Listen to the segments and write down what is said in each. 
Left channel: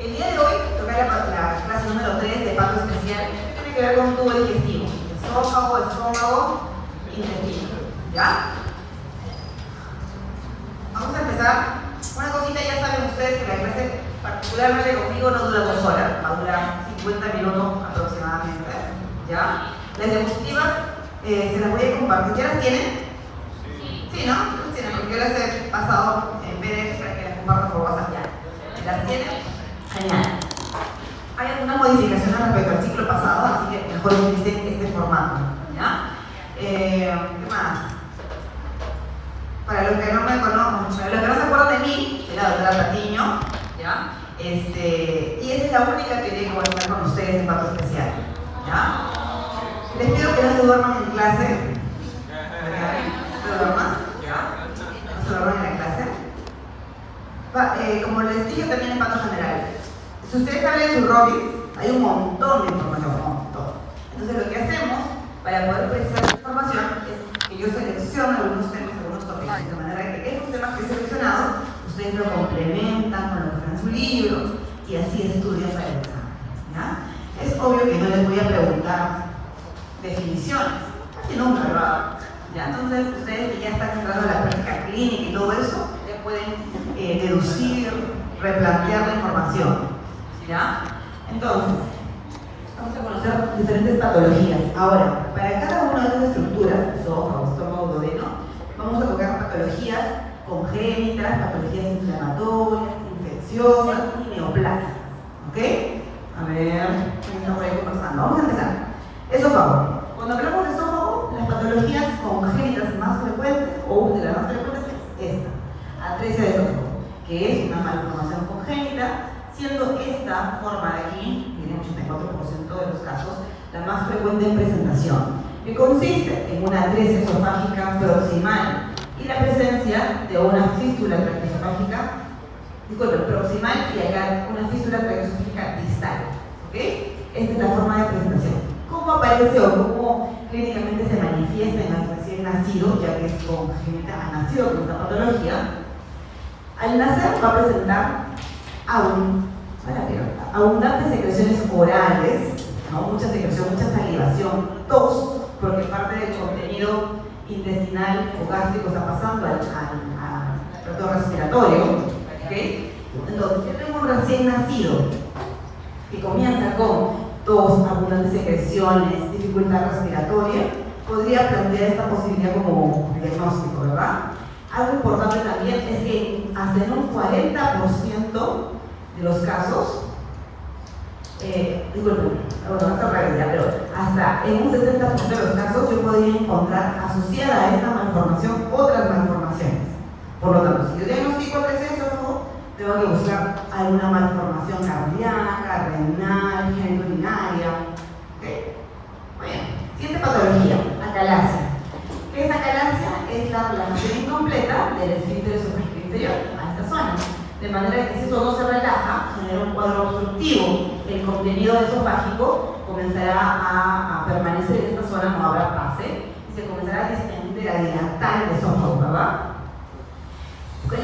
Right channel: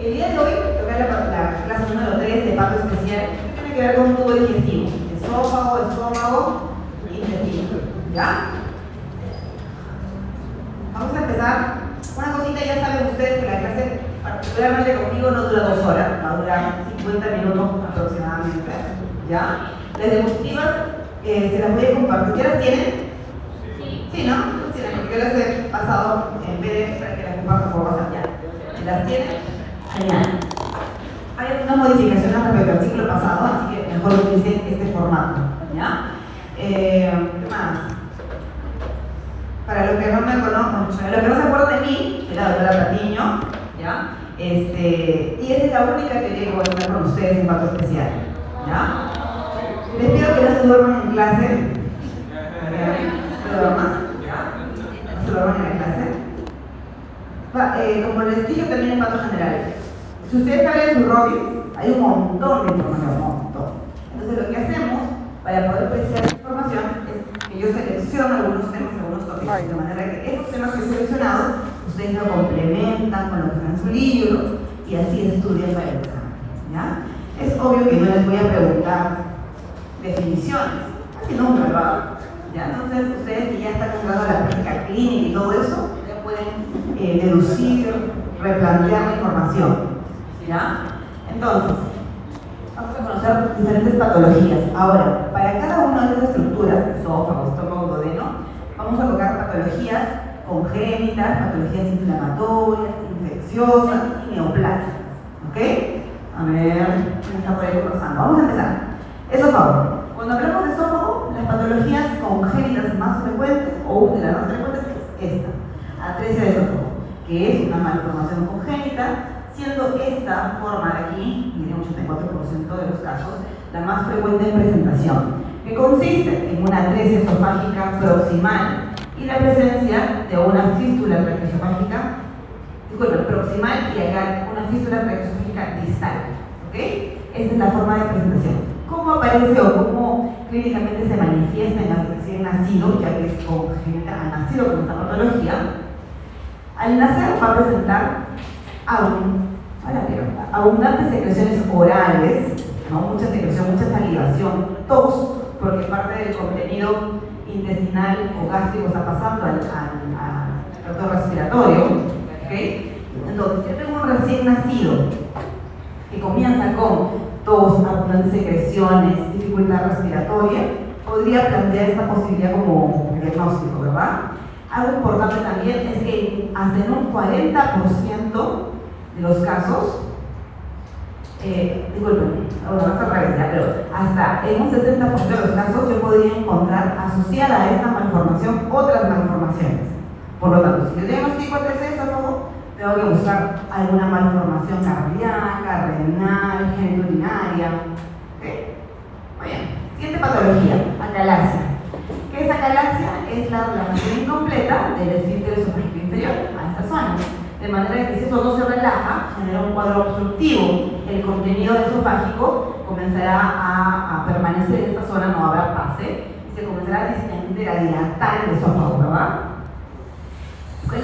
El día de hoy toca la clase número 3 de parto especial, que tiene que ver con un tubo digestivo, estómago, intestino. ¿Ya? Vamos a empezar. Una cosita, ya saben ustedes que la clase particularmente conmigo no dura 2 horas, va a durar 50 minutos aproximadamente. ¿Ya? Las diapositivas se las voy a compartir. ¿Ya las tienen? Sí, ¿no? Las tienen, porque yo las he pasado en PDF para que las compartan por WhatsApp ya. ¿Las tienen? Genial. Hay algunas modificaciones respecto al ciclo pasado, así que mejor utilicen este formato. ¿Ya? ¿Qué más? Para los que no me conocen, los que no se acuerdan de mí, soy la doctora Patiño, ¿ya? Y esa es la única que llego a estar con ustedes en parto especial. ¿Ya? Les pido que no se duerman en clase. ¿Se duerman? ¿No se duerman en la clase? Como les dije también en parto general, si ustedes abren su Robbins, hay un montón de información, un montón. Entonces lo que hacemos para poder precisar la información es que yo selecciono algunos temas, algunos tópicos, de manera que estos temas que he seleccionado, ustedes lo complementan con lo que está en su libro y así estudian para el examen. ¿Ya? Es obvio que yo les voy a preguntar definiciones, casi nunca lo hago. ¿Ya? Entonces ustedes que ya están entrando a la práctica clínica y todo eso, ya pueden deducir, replantear la información. ¿Ya? Entonces, vamos a conocer diferentes patologías. Ahora, para cada una de estas estructuras, estómago, duodeno, vamos a tocar patologías congénitas, patologías inflamatorias, infecciosas y neoplásicas. ¿Ok? A ver, ¿quién está por ahí conversando? Vamos a empezar. Esófago. Cuando hablamos de esófago, las patologías congénitas más frecuentes, o una de las más frecuentes, es esta, atresia de esófago, que es una malformación congénita, siendo esta forma de aquí, en un 84% de los casos, la más frecuente en presentación, que consiste en una atresia esofágica proximal y la presencia de una fístula traqueoesofágica, proximal y acá una fístula traqueoesofágica distal. ¿Ok? Esta es la forma de presentación. ¿Cómo aparece o cómo clínicamente se manifiesta en el recién nacido, ya que es congénita, ha nacido con esta patología? Al nacer va a presentar abundantes secreciones orales, ¿no? Mucha secreción, mucha salivación, tos, porque parte del contenido intestinal o gástrico está pasando al tracto respiratorio. ¿Okay? Entonces, el niño recién nacido que comienza con tos, abundantes secreciones, dificultad respiratoria, podría plantear esta posibilidad como diagnóstico, ¿verdad? Algo importante también es que hasta en un 40% de los casos, disculpen, pero hasta en un 60% de los casos yo podría encontrar asociada a esta malformación otras malformaciones. Por lo tanto, si yo diagnostico atresia de esófago, tengo que buscar alguna malformación cardíaca, renal, genitourinaria. ¿Okay? Muy bien. Siguiente patología, acalasia. ¿Qué es acalasia? Es la relajación incompleta del esfínter esofágico inferior a esta zona. De manera que si esto no se relaja, genera un cuadro obstructivo. El contenido esofágico comenzará a permanecer en esta zona, no habrá pase, y se comenzará a distender, a dilatar el esófago, ¿verdad?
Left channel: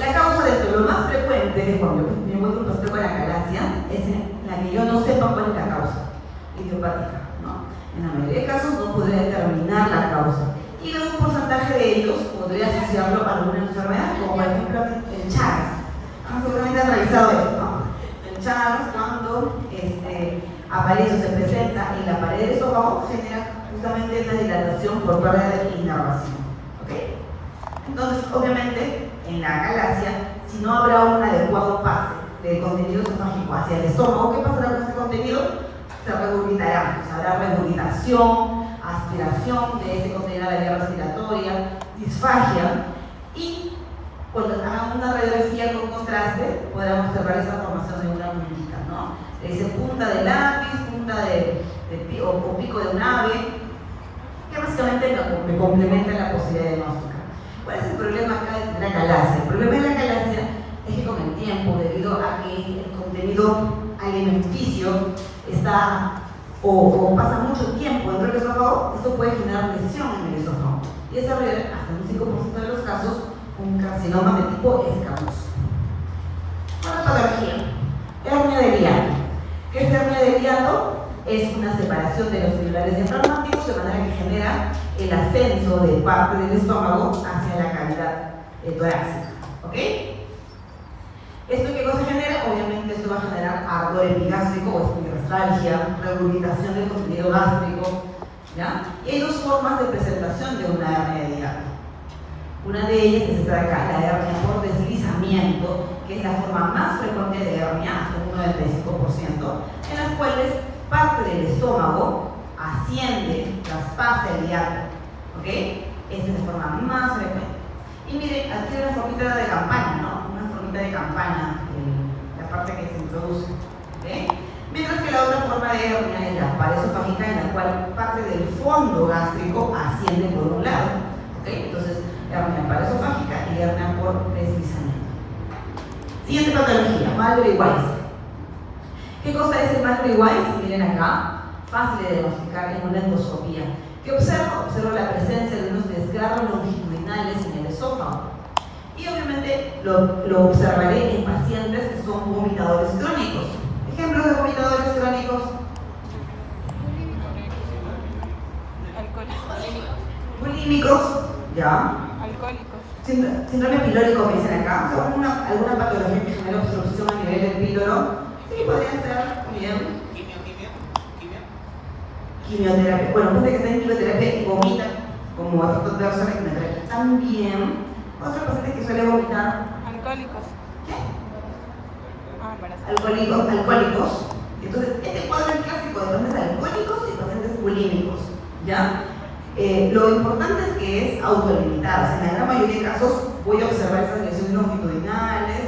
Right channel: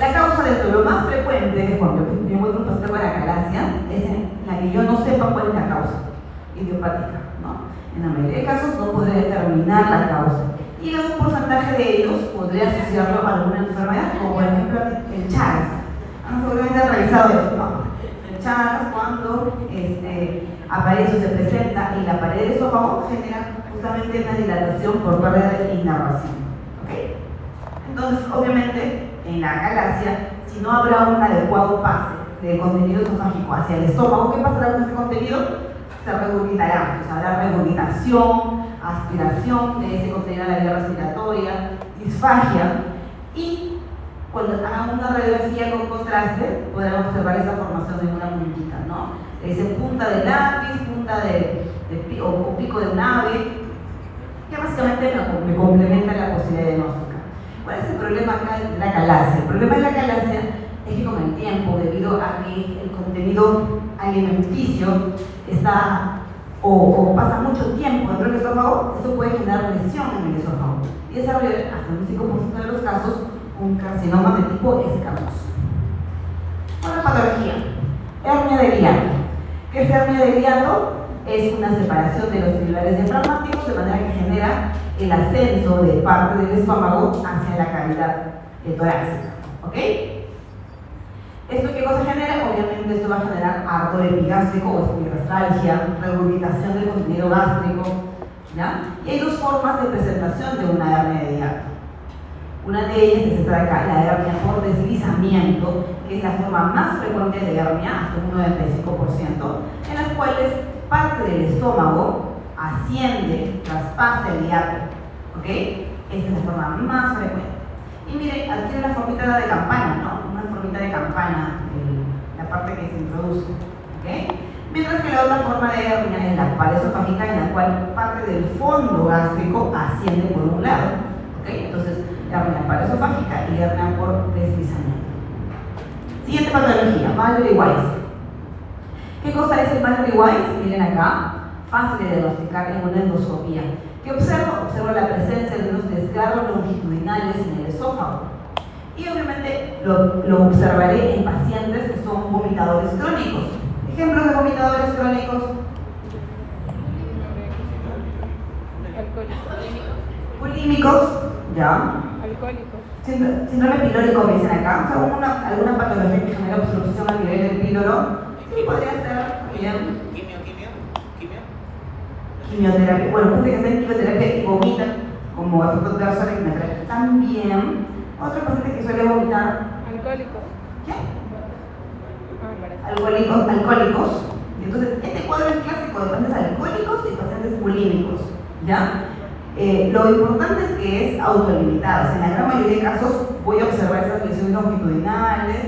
La causa de esto, lo más frecuente es que cuando yo voy a un paciente con acalasia, es en la que yo no sepa cuál es la causa idiopática, ¿no? En la mayoría de casos no podré determinar la causa. Y en un porcentaje de ellos podría asociarlo a alguna enfermedad, como por ejemplo el Chagas. Seguramente han realizado esto, ¿no? El Chagas, cuando aparece o se presenta en la pared del esófago, genera justamente una dilatación por pérdida de inervación. ¿Okay? Entonces, obviamente, en la acalasia, si no habrá un adecuado pase de contenido esofágico hacia el estómago, ¿qué pasará con este contenido? Se regurgitará, o sea, habrá regurgitación, aspiración de ese contenido a la vía respiratoria, disfagia, y cuando hagan una radiografía con contraste, podrán observar esa formación de una muñequita, ¿no? Ese punta de lápiz, o pico de un ave, que básicamente me complementa la posibilidad de diagnóstica. ¿Cuál es el problema acá de la acalasia? El problema de la acalasia es que con el tiempo, debido a que el contenido alimenticio está o pasa mucho tiempo dentro del esófago, esto puede generar lesión en el esófago y desarrollar hasta un 5% de los casos un carcinoma de tipo escamoso. Otra patología, hernia de Gliar. es hernia del hiato? Es una separación de los tubulares diafragmáticos de manera que genera el ascenso de parte del estómago hacia la cavidad torácica. ¿Ok? ¿Esto qué cosa genera? Obviamente esto va a generar ardor epigástrico o epigastralgia, regurgitación del contenido gástrico, ¿ya? Y hay dos formas de presentación de una hernia de hiato. Una de ellas es esta de acá, la hernia por deslizamiento, que es la forma más frecuente de hernia, hasta un 95%, en las cuales parte del estómago asciende, traspasa el hiato. ¿Ok? Esta es la forma más frecuente. Y miren, aquí hay una formita de campana, ¿no? Una formita de campana, la parte que se introduce. ¿Ok? Mientras que la otra forma de hernia es la paresofágica, en la cual parte del fondo gástrico asciende por un lado. ¿Ok? Entonces, hernia paresofágica y hernia por deslizamiento. Siguiente patología, Mallory-Weiss. ¿Qué cosa es el Mallory-Weiss? Miren acá, fácil de diagnosticar en una endoscopía. ¿Qué observo? Observo la presencia de unos desgarros longitudinales en el esófago. Y obviamente lo observaré en pacientes que son vomitadores crónicos. Ejemplos de vomitadores crónicos. Bulímicos, ¿ya? Alcohólicos. Síndrome pilórico me dicen acá. O sea, alguna patología que genera obstrucción a nivel del píloro. Sí, podría ser bien. Quimioterapia. Bueno, gente que está en quimioterapia y vomita, como efecto de la quimioterapia. También, otro paciente que suele vomitar. Alcohólicos. ¿Qué? Parece. Alcohólicos. Entonces, este cuadro es clásico de pacientes alcohólicos y pacientes bulímicos, ¿ya? Lo importante es que es autolimitado. O sea, en la gran mayoría de casos voy a observar esas lesiones longitudinales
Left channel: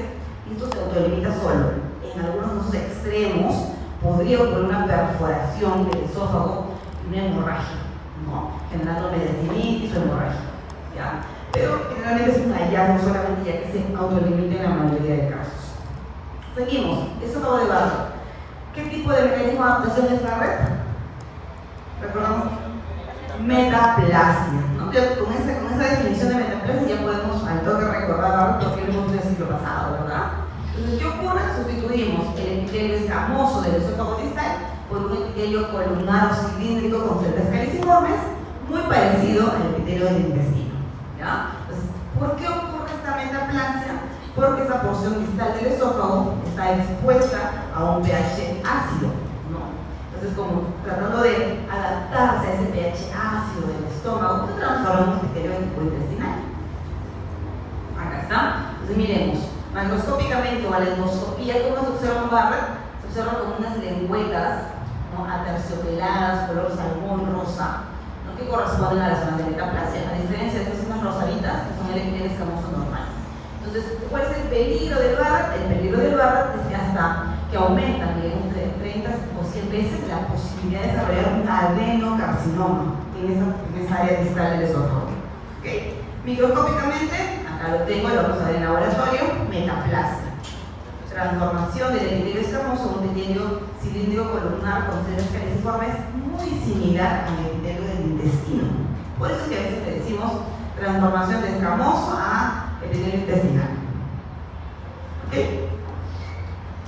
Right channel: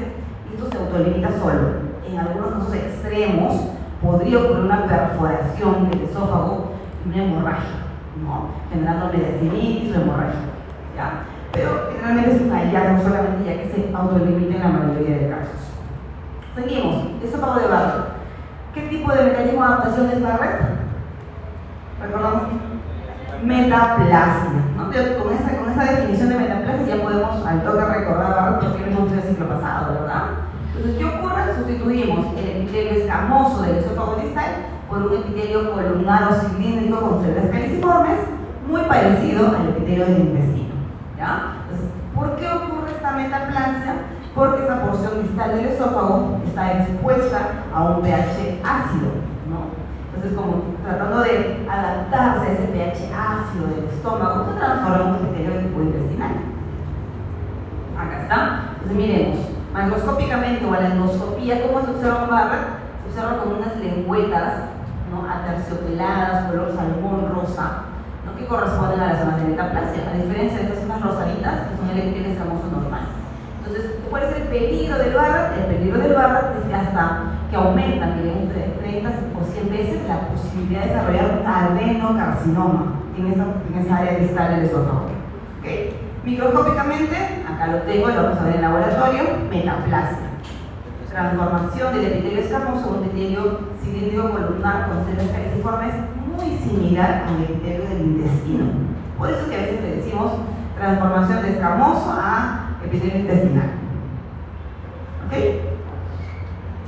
y esto se autolimita solo. En algunos casos extremos podría ocurrir una perforación del esófago y una hemorragia, ¿no? Generando mediastinitis o hemorragia, ¿ya? Pero generalmente es un hallazgo solamente ya que se autolimita en la mayoría de casos. Seguimos, esófago de Barrett. ¿Qué tipo de mecanismo de adaptación es Barrett? ¿Recordamos? Metaplasia, ¿no? Con esa definición de metaplasia ya podemos al toque recordar Barrett porque es mucho del siglo pasado, ¿verdad? Entonces, ¿qué ocurre? Sustituimos el epitelio escamoso del esófago distal por un epitelio columnado cilíndrico con celdas caliciformes, muy parecido al epitelio del intestino, ¿ya? Entonces, ¿por qué ocurre esta metaplasia? Porque esa porción distal del esófago está expuesta a un pH ácido, ¿no? Entonces, como tratando de adaptarse a ese pH ácido del estómago, se transforma en un epitelio de tipo intestinal. Acá está. Entonces, miremos. Macroscópicamente o a la endoscopía, ¿cómo se observa Barrett? Se observa como unas lengüetas, ¿no? Aterciopeladas, color salmón rosa, ¿no? Que corresponden a las zonas de metaplasia, a diferencia de estas zonas rosaditas que son el epitelio escamoso normal. Entonces, ¿cuál es el peligro del Barrett? El peligro del Barrett es que hasta que aumenta, miren, entre 30 o 100 veces la posibilidad de desarrollar un adenocarcinoma en esa área distal del esófago. ¿Okay? Microscópicamente, acá lo tengo, lo vamos a ver en laboratorio, metaplasia. Transformación del epitelio escamoso a un epitelio cilíndrico columnar con celdas caliciformes muy similar al epitelio del intestino. Por eso que a veces le decimos transformación de escamoso a epitelio intestinal. ¿Ok?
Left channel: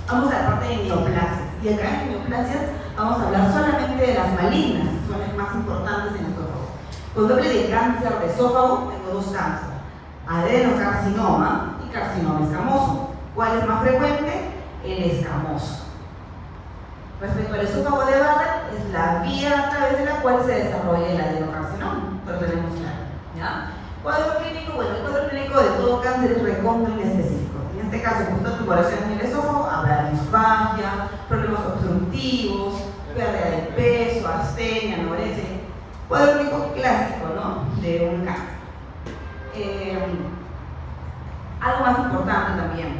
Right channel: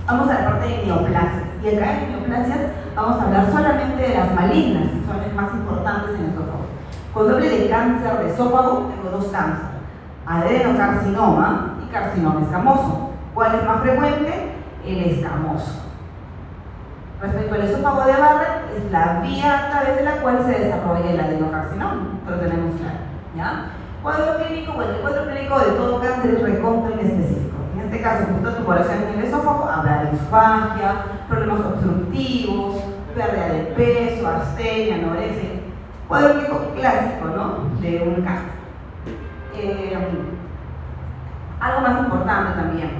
Vamos a la parte de neoplasias. Y acá en neoplasias vamos a hablar solamente de las malignas, que son las más importantes en el esófago. Cuando hable de cáncer de esófago, tengo dos cánceres: adenocarcinoma y carcinoma escamoso. ¿Cuál es más frecuente? El escamoso. Respecto al esófago de Barrett, es la vía a través de la cual se desarrolla el adenocarcinoma, pero tenemos claro, ¿ya? Cuadro clínico, bueno, el cuadro clínico de todo cáncer es recontra específico. En este caso, justo tuberosidad en el esófago, habrá disfagia, problemas obstructivos, pérdida de peso, astenia, anorexia. Cuadro clínico clásico, ¿no? De un cáncer. Algo más importante también.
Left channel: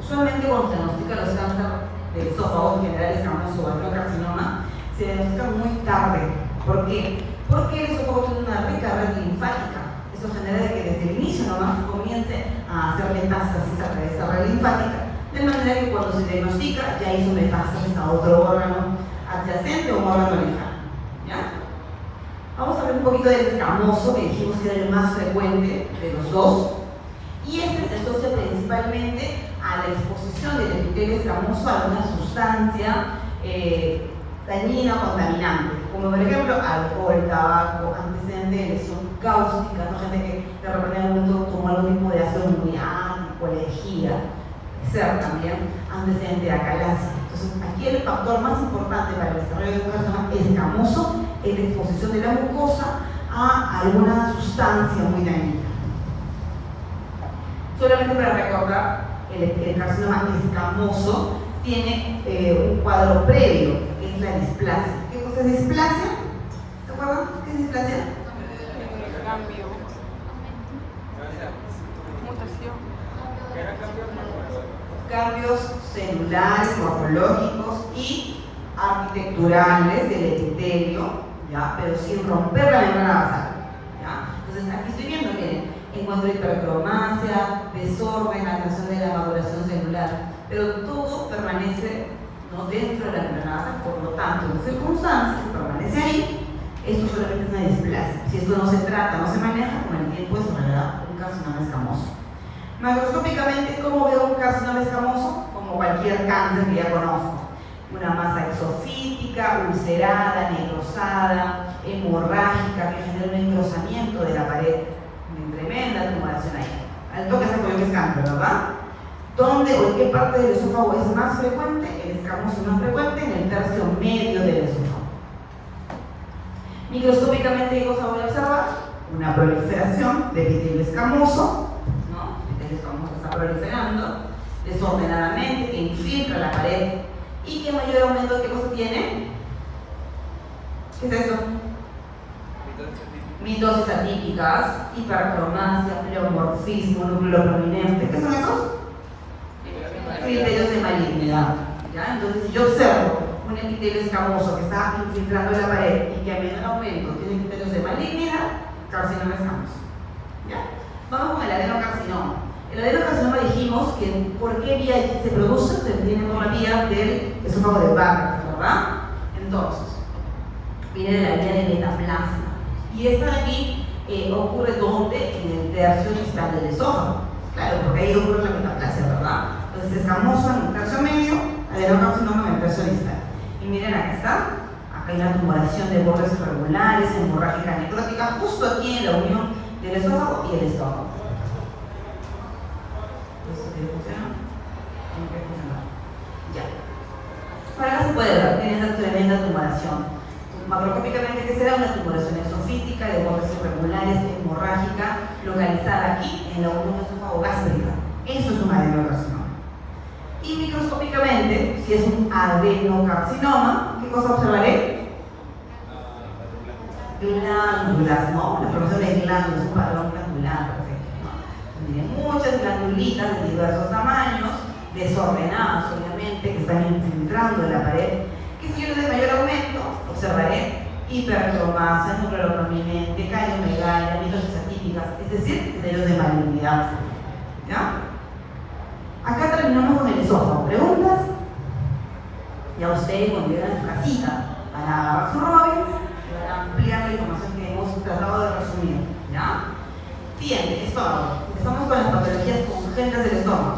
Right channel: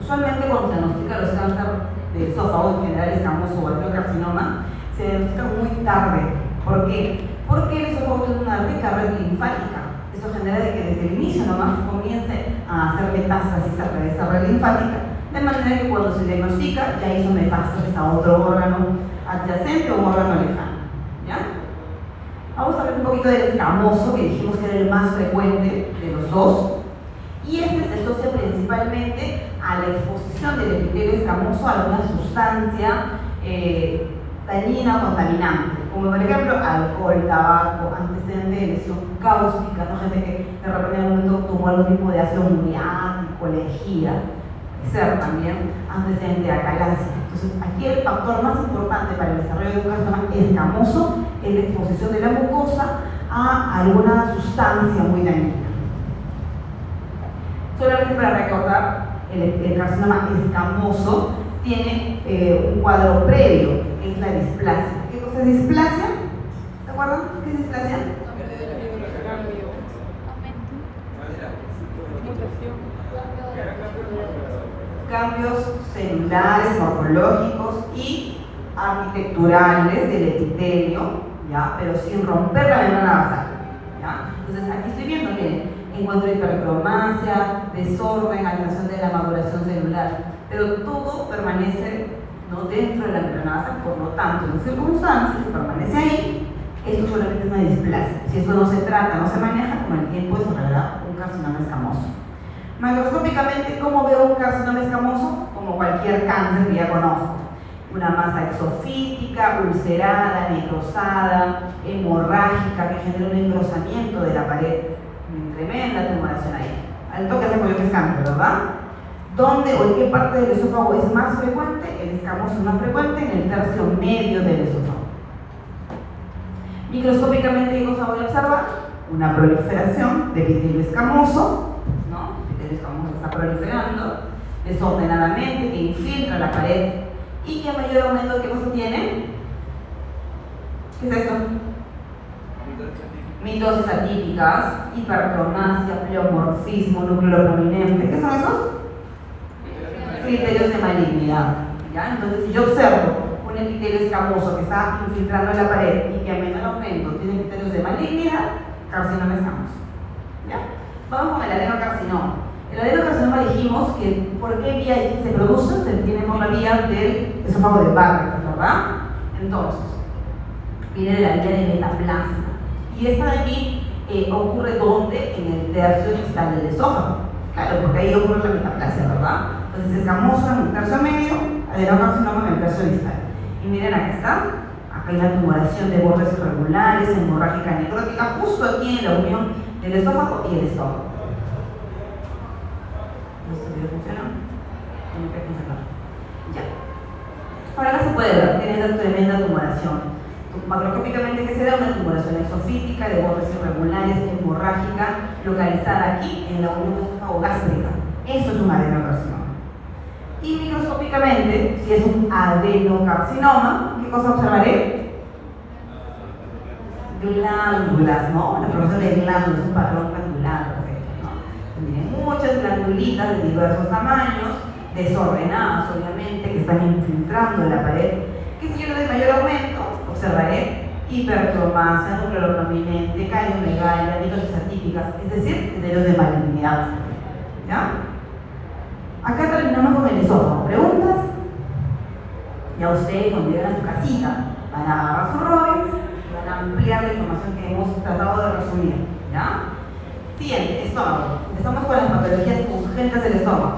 Usualmente cuando se diagnostica los cánceres del esófago, en general escamoso o adenocarcinoma, se diagnostica muy tarde. ¿Por qué? Porque el esófago tiene una rica red linfática. Eso genera de que desde el inicio nomás comience a hacer metástasis a través de esa red linfática, de manera que cuando se diagnostica ya hizo metástasis a otro órgano adyacente o un órgano lejano, ¿ya? Vamos a ver un poquito del escamoso, que dijimos que era el más frecuente de los dos, y este se asocia principalmente a la exposición del epitelio escamoso a alguna sustancia dañina o contaminante, como por ejemplo alcohol, tabaco, antecedente de lesión cáustica, ¿no? Gente que de repente en algún momento tomó algún tipo de ácido muriático, lejía, ser también antecedente de acalasia. Entonces, aquí el factor más importante para el desarrollo de un carcinoma escamoso es la exposición de la mucosa a alguna sustancia muy dañina. Solamente para recordar, el carcinoma escamoso tiene un cuadro previo, que es la displasia. ¿Qué cosa es displasia? ¿Se acuerdan? ¿Qué es displasia? Cambio. Mutación. Cambios celulares, morfológicos y arquitecturales del epitelio, ¿ya? Pero sin romper la membrana basal, ¿ya? Entonces aquí estoy viendo, miren, encuentro hipercromasia, desorden, alteración de la maduración celular, pero todo permanece, ¿no?, dentro de la membrana basal. Por lo tanto, en circunstancias, si permanece ahí, esto solamente es una displasia. Si esto no se trata, no se maneja, con el tiempo desarrollará un carcinoma escamoso. Macroscópicamente, ¿cómo veo un carcinoma escamoso? Como cualquier cáncer que ya conozco. Una masa exofítica, ulcerada, necrosada, hemorrágica, que genera un engrosamiento de la pared. Muy tremenda tumoración ahí. Al toque se acuerda que es cáncer, ¿verdad? ¿Dónde o en qué parte del esófago es más frecuente? El escamoso es más frecuente en el tercio medio del esófago. Microscópicamente, ¿qué cosa voy a observar? Una proliferación de epitelio escamoso, ¿no? El epitelio escamoso está proliferando desordenadamente, que infiltra la pared y que a mayor aumento, ¿qué cosa tiene? ¿Qué es esto? Mitosis atípicas, hipercromasia, pleomorfismo, núcleo prominente. ¿Qué son esos? Criterios de malignidad, ¿ya? Entonces, si yo observo un epitelio escamoso que está infiltrando la pared y que a menor aumento tiene criterios de malignidad, carcinoma escamoso, ¿ya? Vamos con el adenocarcinoma. El adenocarcinoma dijimos que por qué vía se produce, se tiene por la vía del esófago de Barrett, ¿verdad? Entonces, viene de la vía de metaplasma. Y esta de aquí ocurre ¿dónde? En el tercio distal del esófago. Claro, porque ahí ocurre la metaplasia, ¿verdad? Entonces, escamoso en el tercio medio, adenocarcinoma en el tercio distal. Y miren, aquí está. Acá hay una tumoración de bordes irregulares, hemorrágica necrótica, justo aquí en la unión del esófago y el estómago. ¿Esto tiene función? Tiene que funcionar. Ya. Por acá se puede ver, tiene esta tremenda tumoración. Macroscópicamente, ¿qué será? Una tumoración exofítica de bordes irregulares, hemorrágica, localizada aquí en la unión esófago-gástrica. Eso es un adenocarcinoma. Y microscópicamente, si es un adenocarcinoma, ¿qué cosa observaré? Glándulas, ¿no? La formación de glándulas es un patrón glandular, ¿no? Tiene muchas glandulitas de diversos tamaños, desordenadas, obviamente, que están infiltrando la pared. ¿Qué si yo le doy mayor aumento? Observaré hipercromasia, núcleo prominente, caliomegalia, mitosis atípicas, es decir, criterios de malignidad. ¿Ya? Acá terminamos con el esófago. ¿Preguntas? Ya ustedes, cuando lleguen a su casita, van a agarrar sus Robbins y van a ampliar la información que hemos tratado de resumir. ¿Ya? Siguiente, estómago. Estamos con las patologías urgentes del estómago.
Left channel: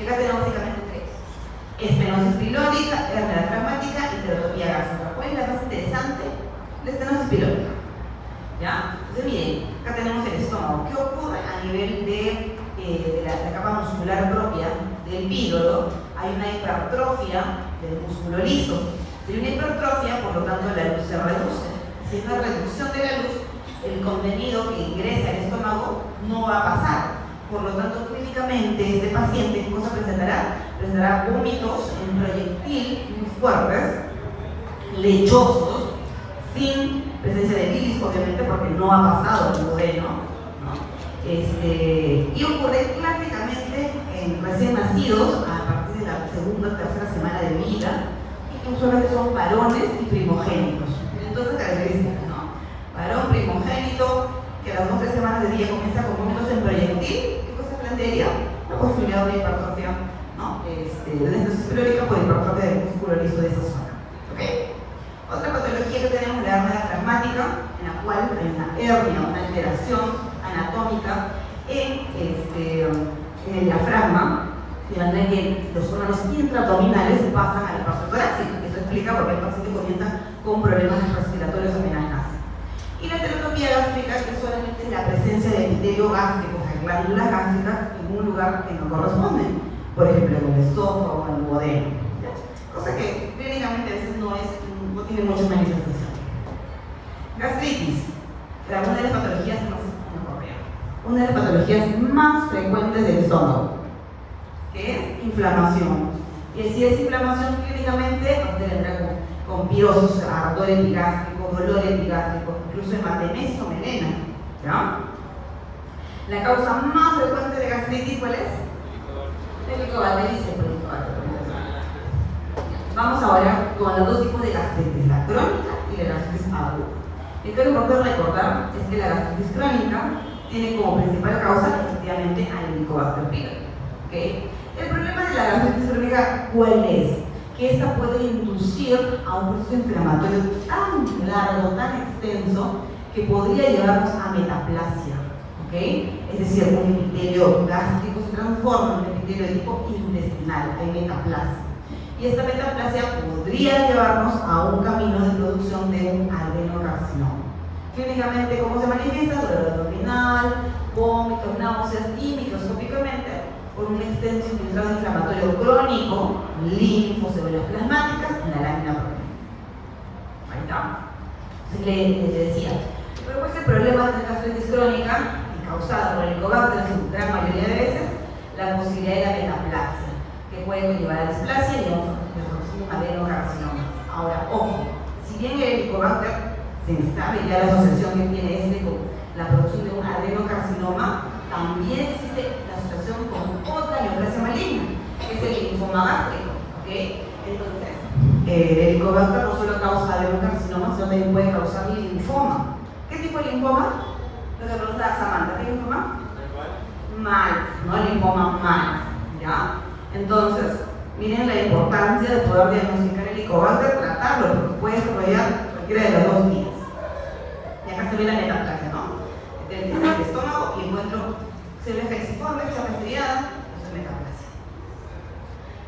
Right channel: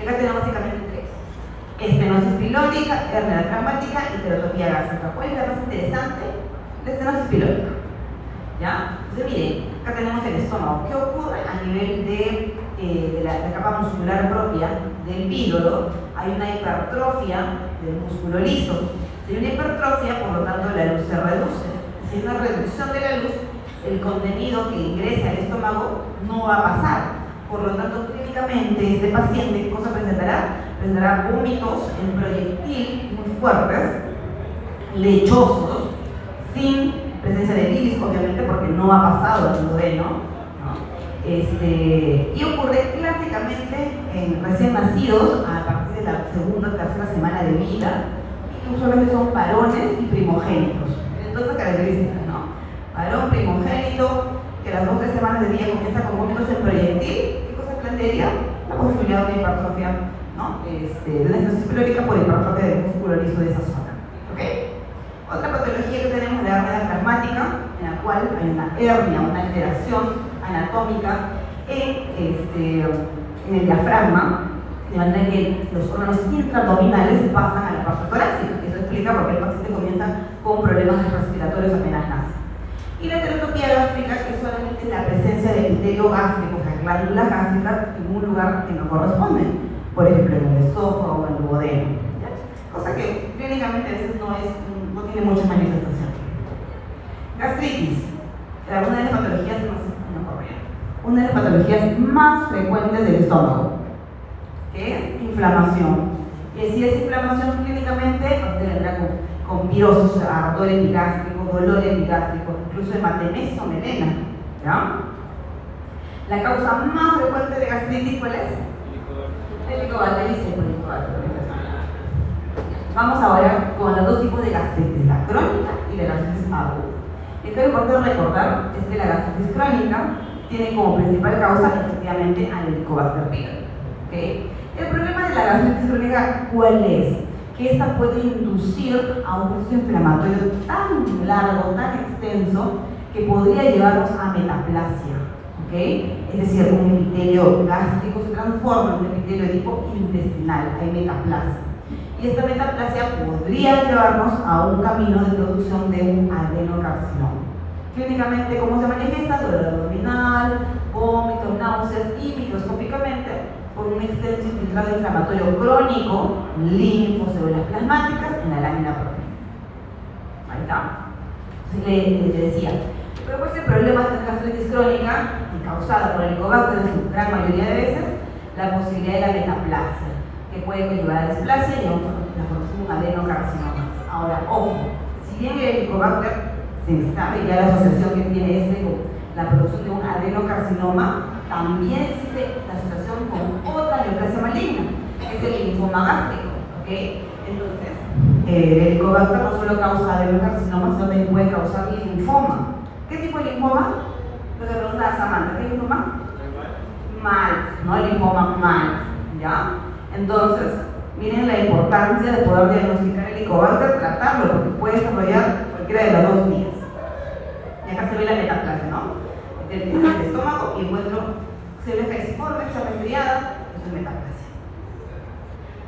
Acá tenemos básicamente tres: estenosis pilórica, hernia traumática y teratopía gástrica. ¿Cuál es la más interesante? La estenosis pilórica. ¿Ya? Entonces, miren, acá tenemos el estómago. ¿Qué ocurre a nivel de la capa muscular propia del píloro? Hay una hipertrofia del músculo liso. Si hay una hipertrofia, por lo tanto, la luz se reduce. Si hay una reducción de la luz, el contenido que ingresa al estómago no va a pasar. Por lo tanto, clínicamente, este paciente, ¿qué cosa presentará? Presentará vómitos en proyectil muy fuertes, lechosos, sin presencia de bilis, obviamente, porque no ha pasado el duodeno, ¿no? Y ocurre clásicamente en recién nacidos a partir de la segunda o tercera semana de vida, y usualmente son varones y primogénitos. Entonces, características, ¿no? Varón primogénito, que a las 2 o 3 semanas de vida comienza con vómitos en proyectil. ¿Qué cosa plantearía? La posibilidad de hipertrofia, ¿no? De la estenosis pilórica por hipertrofia del músculo liso de esa zona. ¿Okay? Otra patología que tenemos es la hernia traumática, en la cual hay una hernia, una alteración anatómica en el diafragma, de manera que los órganos intraabdominales pasan a la parte torácica. Eso explica gástrica porque el paciente comienza con problemas respiratorios apenas nace. Y la heterotopía gástrica, que solamente es la presencia de epitelio gástrico, o sea, glándulas gástricas en un lugar que no corresponde, por ejemplo, en el esófago o en el duodeno, cosa que clínicamente a veces no tiene mucha manifestación. Gastritis, una de las patologías una de las patologías más frecuentes del estómago, que es inflamación. Y si es inflamación clínicamente, nos tendrá con pirosis, ardor epigástrico, dolor epigástrico, incluso hematemesis o melena, ¿ya? La causa más frecuente de gastritis, ¿cuál es? Helicobactericia por Helicobacter. Vamos ahora con los dos tipos de gastritis, la crónica y la gastritis aguda. Lo que es importante recordar es que la gastritis crónica tiene como principal causa efectivamente al Helicobacter pylori. ¿Okay? El problema de la gastritis crónica, ¿cuál es? Que esta puede inducir a un proceso inflamatorio tan largo, tan extenso, que podría llevarnos a metaplasia. ¿Okay? Es decir, un epitelio gástrico se transforma en un epitelio de tipo intestinal, hay metaplasia. Y esta metaplasia podría llevarnos a un camino de producción de un adenocarcinoma. Clínicamente, ¿cómo se manifiesta? Dolor abdominal, vómitos, náuseas y microscópicamente por un extenso infiltrado inflamatorio crónico, linfocélulas plasmáticas en la lámina propia. Ahí está. Les decía, pero pues el problema de la gastritis crónica, causada por el Helicobacter en su gran mayoría de veces, la posibilidad de la metaplasia, que puede conllevar a displasia y la producción de un adenocarcinoma. Ahora, ojo, si bien el Helicobacter se sabe ya la asociación que tiene este con la producción de un adenocarcinoma, también existe la asociación con otra neoplasia maligna, que es el linfoma gástrico. ¿Okay? Entonces, el Helicobacter no solo causa adenocarcinoma, sino también puede causar linfoma. ¿Qué tipo de linfoma? Lo que pregunta Samantha, ¿qué linfoma? MALT, ¿no? Linfoma MALT, ¿ya? Entonces, miren la importancia de poder diagnosticar el Helicobacter, tratarlo, porque puede desarrollar cualquiera de las dos vías. Y acá se ve la metaplasia, ¿no? El estómago y encuentro células calciformes, que está fastidiada, eso es metaplasia.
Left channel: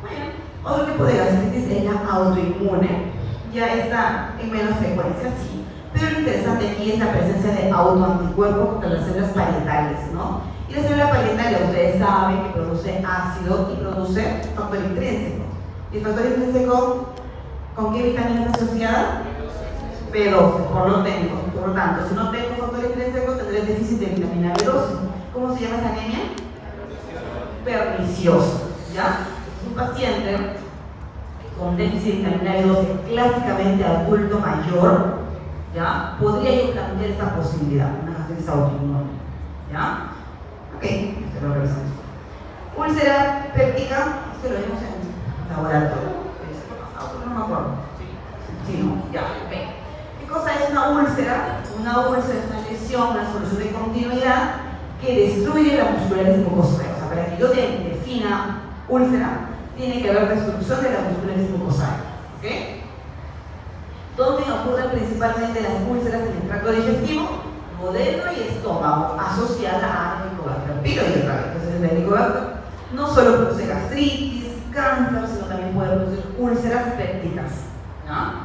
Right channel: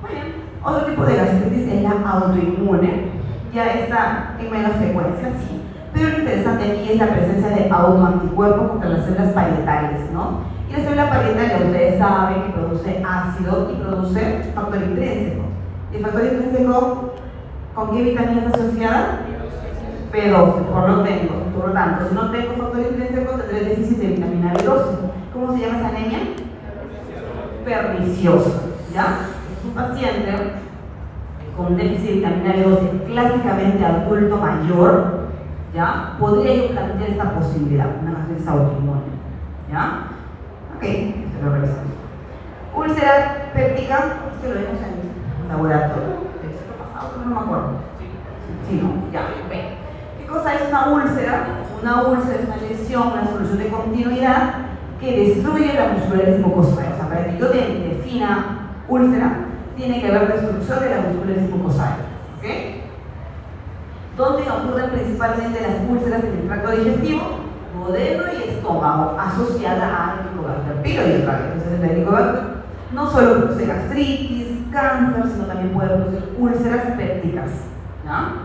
Muy bien. Otro tipo de gastritis es la autoinmune. Ya está en menos frecuencia, sí. Pero lo interesante aquí es la presencia de autoanticuerpos contra las células parietales, ¿no? Y la célula parietal, ustedes saben que produce ácido y produce factor intrínseco. ¿Y el factor intrínseco con qué vitamina está asociada? B12, por lo tanto, si no tengo factor intrínseco, tendré déficit de vitamina B12. ¿Cómo se llama esa anemia? Perniciosa, ¿ya? Es un paciente con déficit de vitamina B12, clásicamente adulto mayor, ¿ya? Podría yo plantear esta posibilidad, una gastritis autoinmune, ¿ya? Ok, esto lo revisamos. Úlcera péptica, esto lo vemos en el laboratorio. No me acuerdo. Sí, no, ya, ok. ¿Qué cosa es una úlcera? Una úlcera es una lesión, una solución de continuidad que destruye la muscularis mucosae. O sea, para que yo defina úlcera, tiene que haber destrucción de la muscularis mucosae. ¿Ok? ¿Dónde ocurren principalmente las úlceras en el tracto digestivo? Duodeno y estómago, asociada a Helicobacter pylori. Entonces, el Helicobacter no solo produce gastritis, cáncer, sino también puede producir úlceras pépticas, ¿no?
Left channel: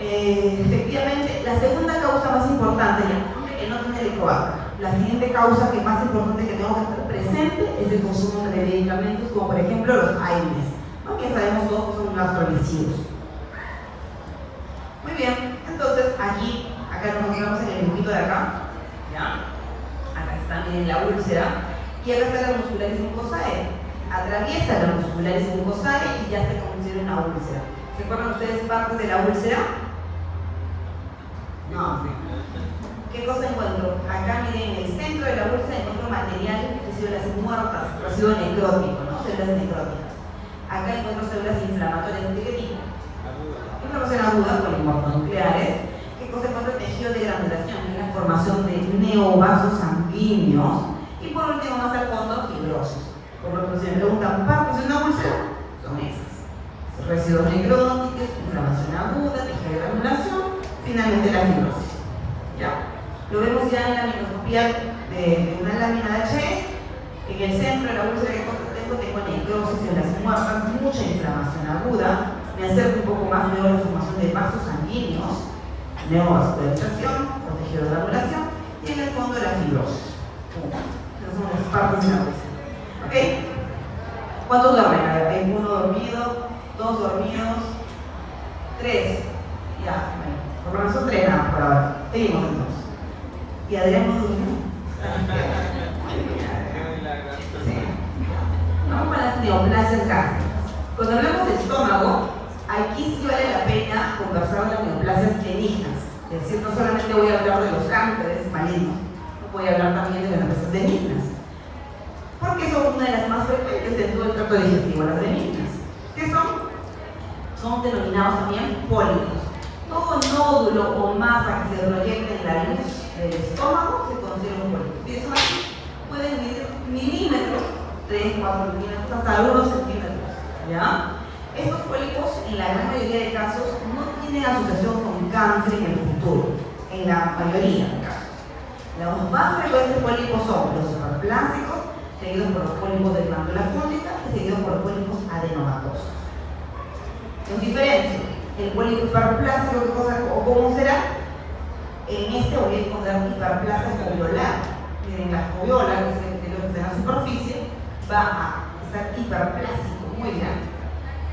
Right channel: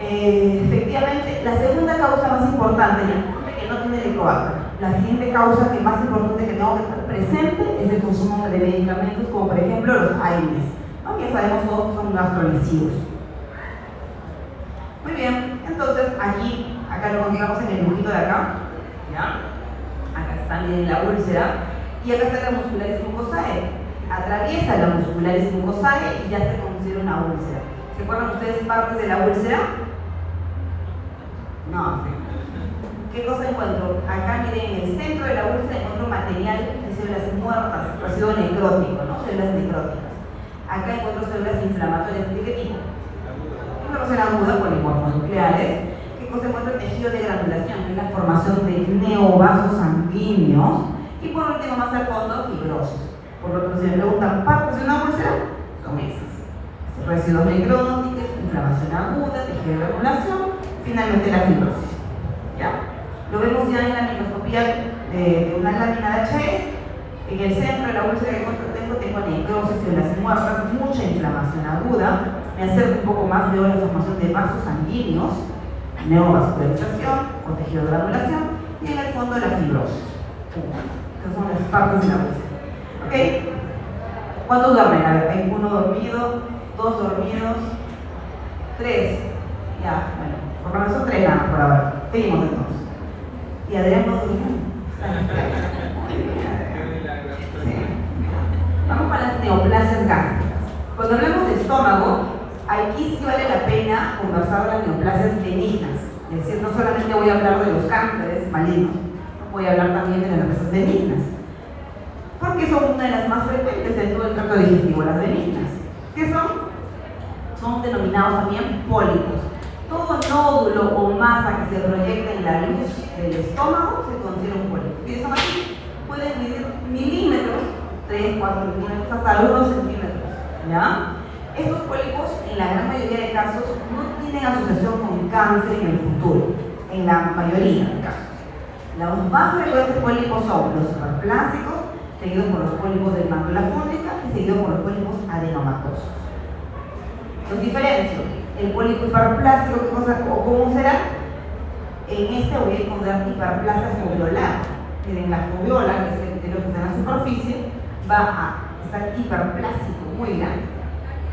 Efectivamente, la segunda causa más importante, que no tiene Helicobacter, la siguiente causa que más importante que tengo que estar presente es el consumo de medicamentos, como por ejemplo los AINES, ¿no? Que sabemos todos que son gastrolisivos. Muy bien, entonces acá lo encontramos en el dibujito de acá, ¿ya? Acá está bien la úlcera, y acá está la muscularis mucosae. Atraviesa la muscularis mucosae y ya se considera una úlcera. ¿Se acuerdan ustedes partes de la úlcera? No. ¿Qué cosa encuentro? Acá miren, en el centro de la úlcera encuentro material de células muertas, residuo necrótico, ¿no? Células necróticas. Acá encuentro células inflamatorias de qué tipo. Una úlcera aguda, polinucleares. ¿Qué cosa encuentro? Tejido de granulación, que es la formación de neovasos sanguíneos. Y por último, más al fondo, fibrosis. Por lo que se me preguntan, ¿partes de una úlcera? Son esas. Residuos necróticos, inflamación aguda, tejido de granulación, finalmente la fibrosis. ¿Ya? Lo vemos ya en la microscopía de una lámina de HE. En el centro de la úlcera que tengo necrosis, células muertas, mucha inflamación aguda, me acerco un poco más, veo la formación de vasos sanguíneos, neovascularización o tejido de granulación, y en el fondo la fibrosis. Esas son las partes de la huesa. ¿Ok? ¿Cuántos duermen? A ver, hay 1 dormido, 2 dormidos, 3. Ya, bueno, por lo menos son 3 nada por ahora. Seguimos entonces. Y Adrián no durmió. Sí. Vamos para las neoplasias gástricas. Cuando hablamos de estómago, aquí sí vale la pena conversar de las neoplasias benignas. Es decir, no solamente voy a hablar de los cánceres malignos, voy a hablar también de las neoplasias benignas. Porque son una de las más frecuentes en todo el tracto digestivo, las benignas. ¿Qué son? Son denominados también pólipos. Todo nódulo o masa que se proyecta en la luz del estómago se considera un pólipo. ¿Qué son así? Pueden medir milímetros, 3, 4 milímetros, hasta 1 centímetros. ¿Ya? Estos pólipos, en la gran mayoría de casos, no tienen asociación con cáncer en el futuro. En la mayoría de casos. Los más frecuentes pólipos son los hiperplásicos, seguidos por los pólipos de mácula fúngica y seguidos por los pólipos adenomatosos. Los diferencio. El pólipo hiperplástico, ¿qué cosa, o cómo será? En este voy a encontrar hiperplasia foviolar. En la foviola, que es lo que está en la superficie, va a estar hiperplástico, muy grande.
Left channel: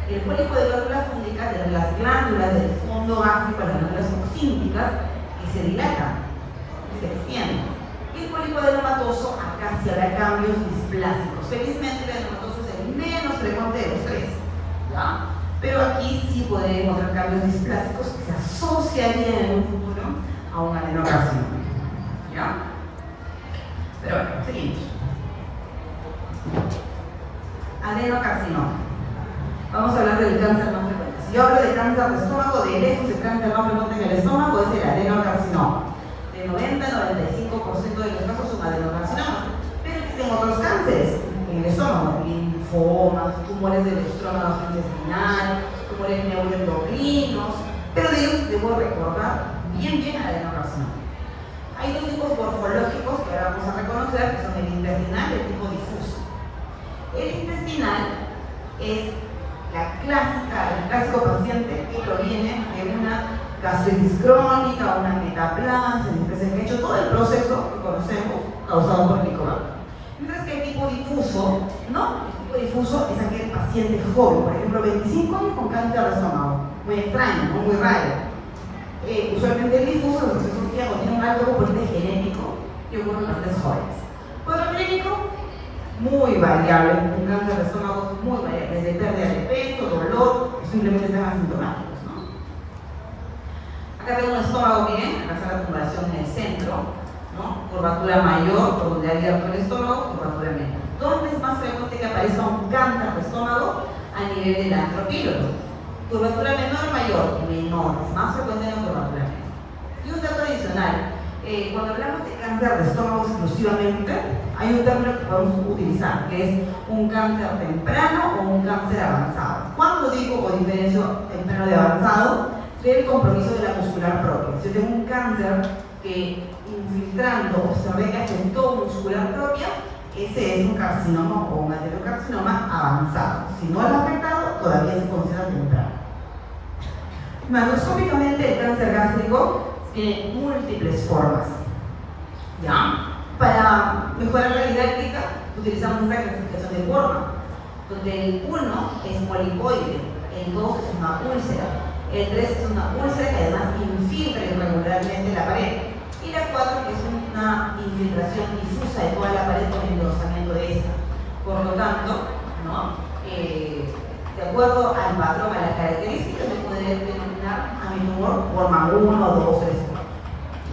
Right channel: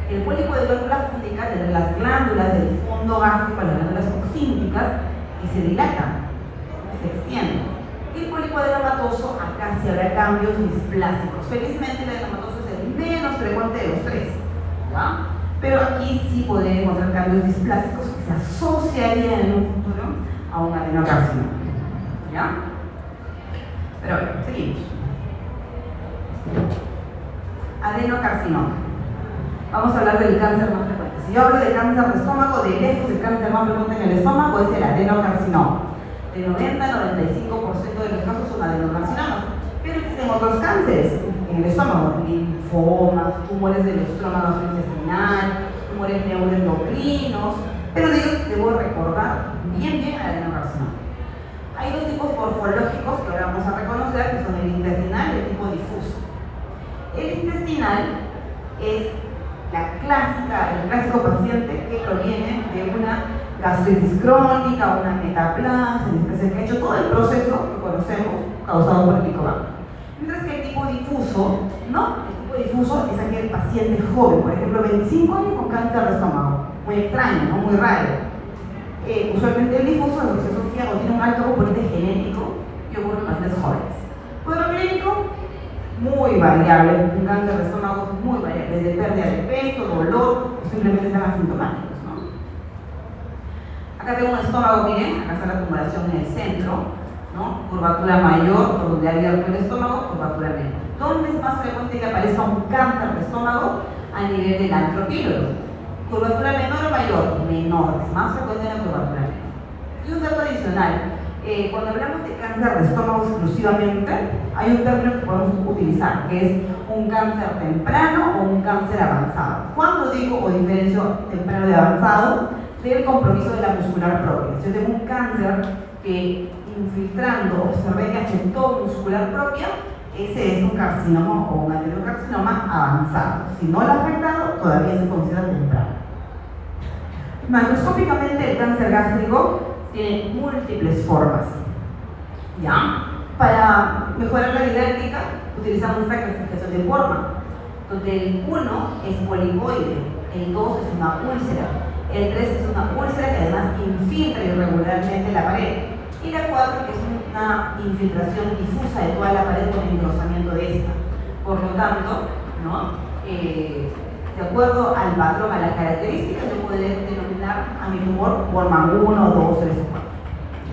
El pólipo de mácula fúngica tiene las glándulas del fondo gástrico, las glándulas oxínticas, que se dilatan, que se extienden. Y el pólipo adenomatoso, acá sí habrá cambios displásticos. Felizmente, el adenomatoso es el menos frecuente de los 3. ¿Ya? Pero aquí sí podría encontrar cambios displásticos que se asociarían en un futuro a un adenocarcinoma. ¿Ya? Pero bueno, seguimos. Adenocarcinoma. Vamos a hablar del cáncer más frecuente. Si yo hablo de cáncer de estómago, de lejos el cáncer más frecuente en el estómago es el adenocarcinoma. El 90-95% de los casos son adenocarcinomas. Pero existen otros cánceres en el estómago, linfomas, tumores del estómago intestinal, tumores neuroendocrinos, pero de ellos debo recordar bien el adenocarcinoma. Hay 2 tipos morfológicos que ahora vamos a reconocer, que son el intestinal y el tipo difuso. El intestinal es el clásico paciente que proviene de una gastritis crónica, una metaplasia, que ha hecho todo el proceso que conocemos causado por el Helicobacter. Mientras que el tipo difuso, ¿no? El tipo difuso es aquel paciente joven, por ejemplo, 25 años con cáncer de estómago. Muy extraño, ¿no? Muy raro. Usualmente el difuso se asocia o tiene un alto componente genético que ocurre en pacientes jóvenes. Cuadro clínico, muy variable, un cáncer de estómago muy variable, desde pérdida de peso, dolor, o simplemente están asintomáticos, ¿no? Acá tengo un estómago, miren, acá está la tumoración en el centro, ¿no? Curvatura mayor, por donde ha abierto el estómago, curvatura menor. ¿Dónde es más frecuente que aparezca un cáncer de estómago? A nivel del antropílogo. Curvatura menor o mayor, menor, es más frecuente en la curvatura menor. Y un dato adicional, cuando hablamos de cáncer de estómago exclusivamente, hay un término que podemos utilizar, que es un cáncer temprano o un cáncer avanzado. Cuando digo o diferencio temprano de avanzado, es el compromiso de la muscular propia. Si yo tengo un cáncer que infiltrando observé que afectó muscular propia, ese es un carcinoma o un adenocarcinoma avanzado. Si no lo ha afectado, todavía se considera temprano. Macroscópicamente, el cáncer gástrico tiene múltiples formas. ¿Ya? Para mejorar la didáctica, utilizamos esta clasificación de forma, donde el 1 es polipoide, el 2 es una úlcera, el 3 es una úlcera que además infiltra irregularmente la pared, y la 4 que es una infiltración difusa de toda la pared con engrosamiento de esta. Por lo tanto, ¿no? De acuerdo al patrón, a las características, yo podría denominar a mi tumor forma 1, 2, 3, 4.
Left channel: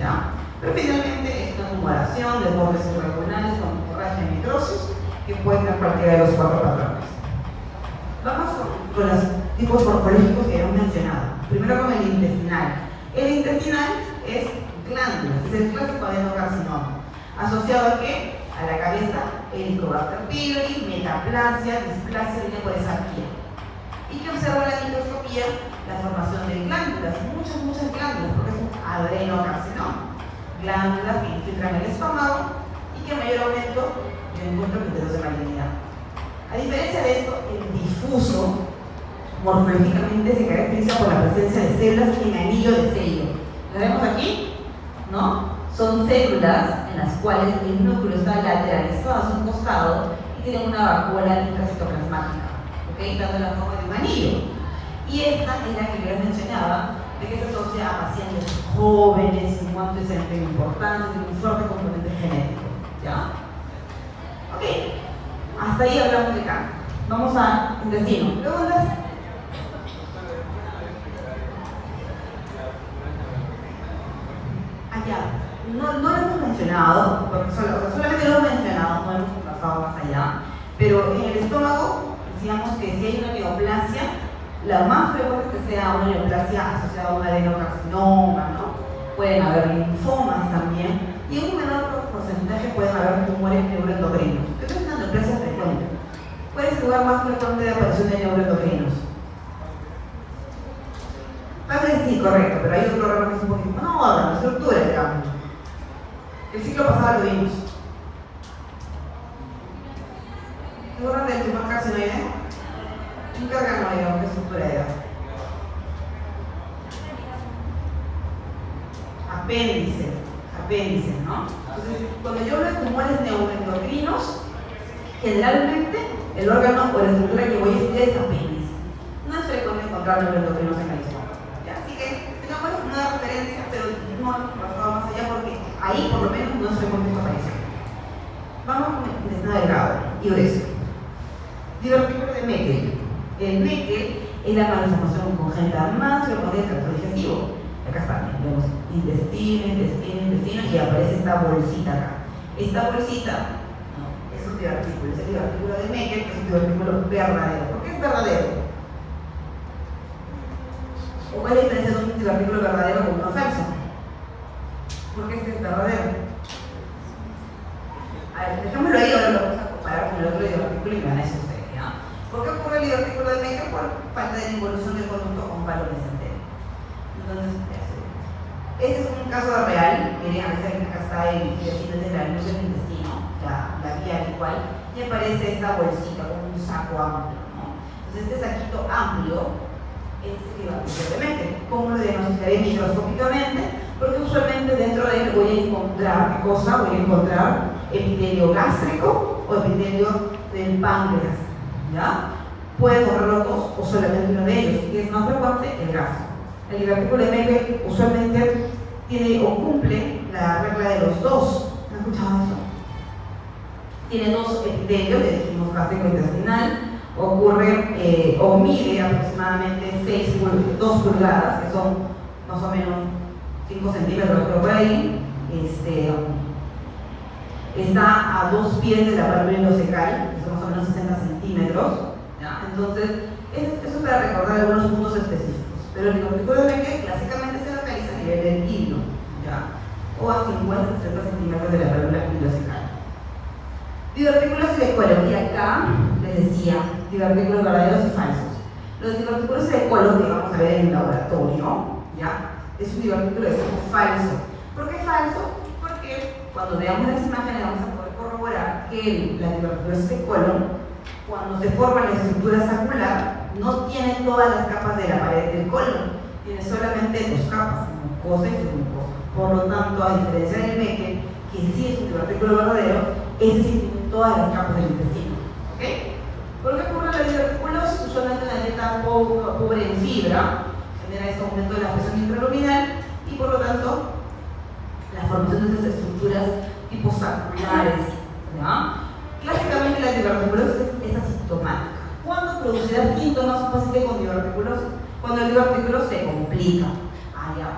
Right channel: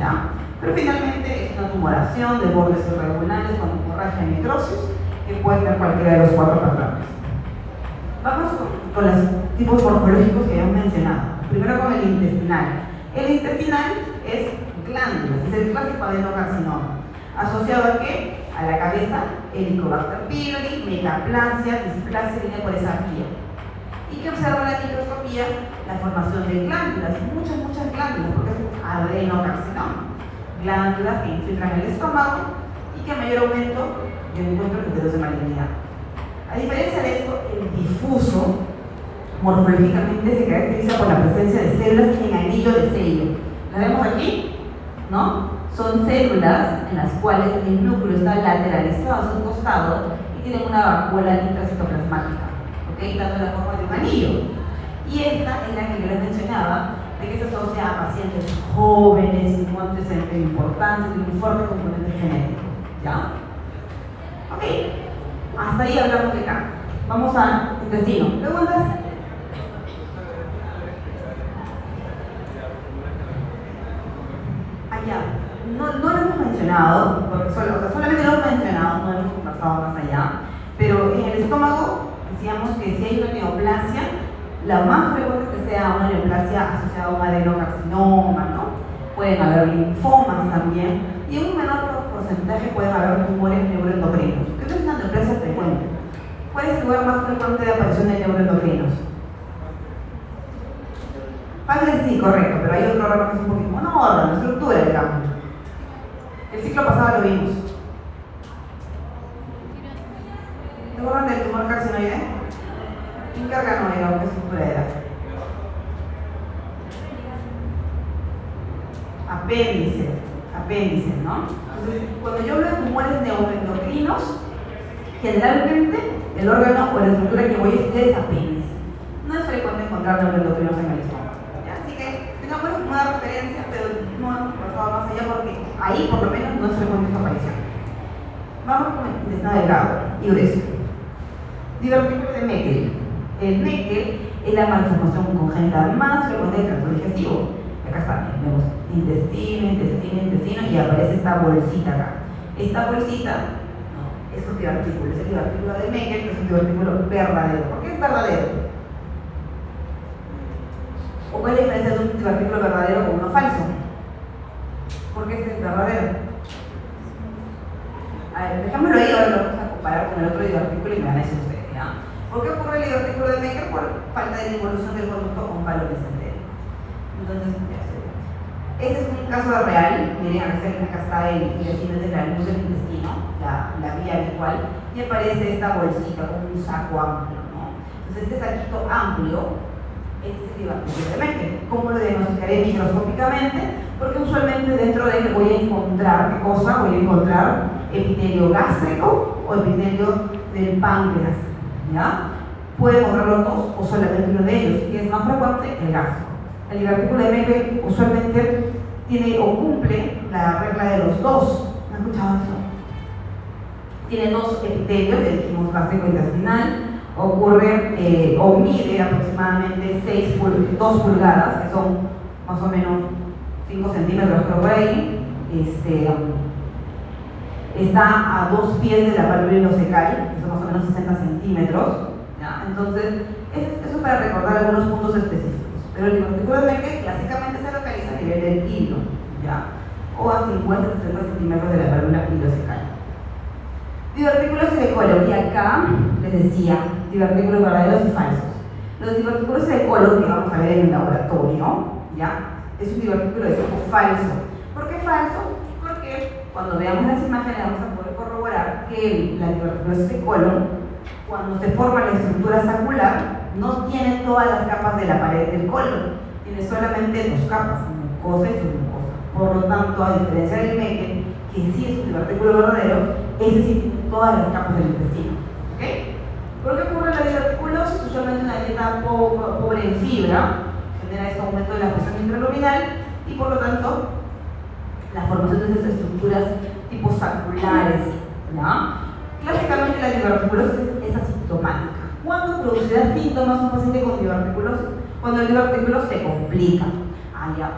¿Ya? Pero finalmente es una tumoración de bordes irregulares con hemorragia y necrosis que puede tener cualquiera de los 4 patrones. Vamos con los tipos morfológicos que hemos mencionado. Primero con el intestinal. El intestinal es glándulas, es el clásico adenocarcinoma. ¿Asociado a qué? A la cabeza, Helicobacter pylori, metaplasia, displasia, viene por esa vía. ¿Y qué observa la microscopía? La formación de glándulas, muchas glándulas, porque es un adenocarcinoma. Glándulas que infiltran el estómago y que a mayor aumento yo encuentro criterios de malignidad. A diferencia de esto, el difuso morfológicamente se caracteriza por la presencia de células en anillo de Seymour. ¿Lo vemos aquí? ¿No? Son células en las cuales el núcleo está lateralizado a su costado y tienen una vacuola intracitoplasmática, ¿ok? Dando la forma de un anillo. Y esta es la que yo les mencionaba, de que se asocia a pacientes jóvenes, sin un antecedente importante, de un fuerte componente genético. ¿Ya? Ok, hasta ahí hablamos de cáncer. Vamos al intestino. ¿Preguntas? Allá. No lo hemos mencionado, porque solamente lo hemos mencionado, no hemos pasado más allá, pero en el estómago decíamos que si hay una neoplasia, la más frecuente es que sea una neoplasia asociada a un adenocarcinoma, ¿no? Pueden haber linfomas también, y en un menor porcentaje pueden haber tumores neuroendocrinos. Esto es una neoplasia frecuente. ¿Cuál es el lugar más frecuente de aparición de neuroendocrinos? Padre sí, correcto, pero hay otro órgano que es un poquito, no órgano, estructura, digamos. El ciclo pasado lo vimos. ¿Se acuerdan del tumor carcinoide? Incarganoide, ¿qué estructura era? Apéndice, ¿no? Entonces, cuando yo hablo de tumores neuroendocrinos, generalmente el órgano o la estructura que voy a estudiar es apéndice. No es frecuente encontrar neuroendocrinos en el estómago. Así que tengamos una referencia, pero no hemos pasado más allá porque ahí por lo menos no es frecuente su aparición. Vamos con el intestino delgado y grueso. Divertículo de Meckel. El Meckel es la malformación congénita más frecuente del tracto digestivo. Y acá está, tenemos intestino y aparece esta bolsita acá. Esta bolsita es un divertículo, es el divertículo de Meckel, que es un divertículo verdadero. ¿Por qué es verdadero? ¿O cuál es la diferencia de un divertículo verdadero con uno falso? ¿Por qué este es verdadero? A ver, dejámoslo ahí, ahora lo vamos a comparar con el otro divertículo y me van a decir ustedes, ¿ya? ¿Por qué ocurre el divertículo de Meckel? Por falta de involución del conducto con valores enteros. Entonces, este es un caso real, miren, acá está el intestino de la luz del intestino, la vía habitual, y aparece esta bolsita con un saco amplio, ¿no? Entonces este saquito amplio es el divertículo de Meckel. ¿Cómo lo diagnosticaré microscópicamente? Porque usualmente dentro de él voy a encontrar, ¿qué cosa? Voy a encontrar epitelio gástrico o epitelio del páncreas, ¿ya? Puede encontrar los dos o solamente uno de ellos, y es más frecuente el gástrico. El divertículo de Meckel usualmente tiene o cumple la regla de los dos. ¿Han escuchado eso? Tiene dos epitelios, le dijimos gástrico intestinal, ocurre o mide aproximadamente 2 pulgadas, que son más o menos 5 centímetros creo por ahí. Está a 2 pies de la válvula ileocecal, que son más o menos 60 centímetros. ¿Ya? Entonces, eso para recordar algunos puntos específicos. Pero el divertículo de Meckel clásicamente se localiza a nivel del hilo, ¿ya? O a 50-60 centímetros de la válvula ileocecal. Divertículos de colon, y acá les decía divertículos verdaderos y falsos. Los divertículos de colon que vamos a ver en el laboratorio, ¿ya? Es un divertículo de tipo falso. ¿Por qué falso? Porque cuando veamos las imágenes vamos a poder corroborar que la diverticulosis de colon, cuando se forma la estructura sacular, no tiene todas las capas de la pared del colon, tiene solamente 2 capas, mucosa y submucosa. Por lo tanto, a diferencia del Meckel, que sí es un divertículo verdadero, ese sí tiene todas las capas del intestino. ¿Ok? ¿Por qué ocurre la diverticulosis? Usualmente una dieta pobre en fibra genera este aumento de la presión intraluminal y por lo tanto la formación de estas estructuras tipo saculares, ¿ya? Clásicamente la diverticulosis es asintomática. ¿Cuándo producirá síntomas un paciente con diverticulosis? Cuando el divertículo se complica. Haya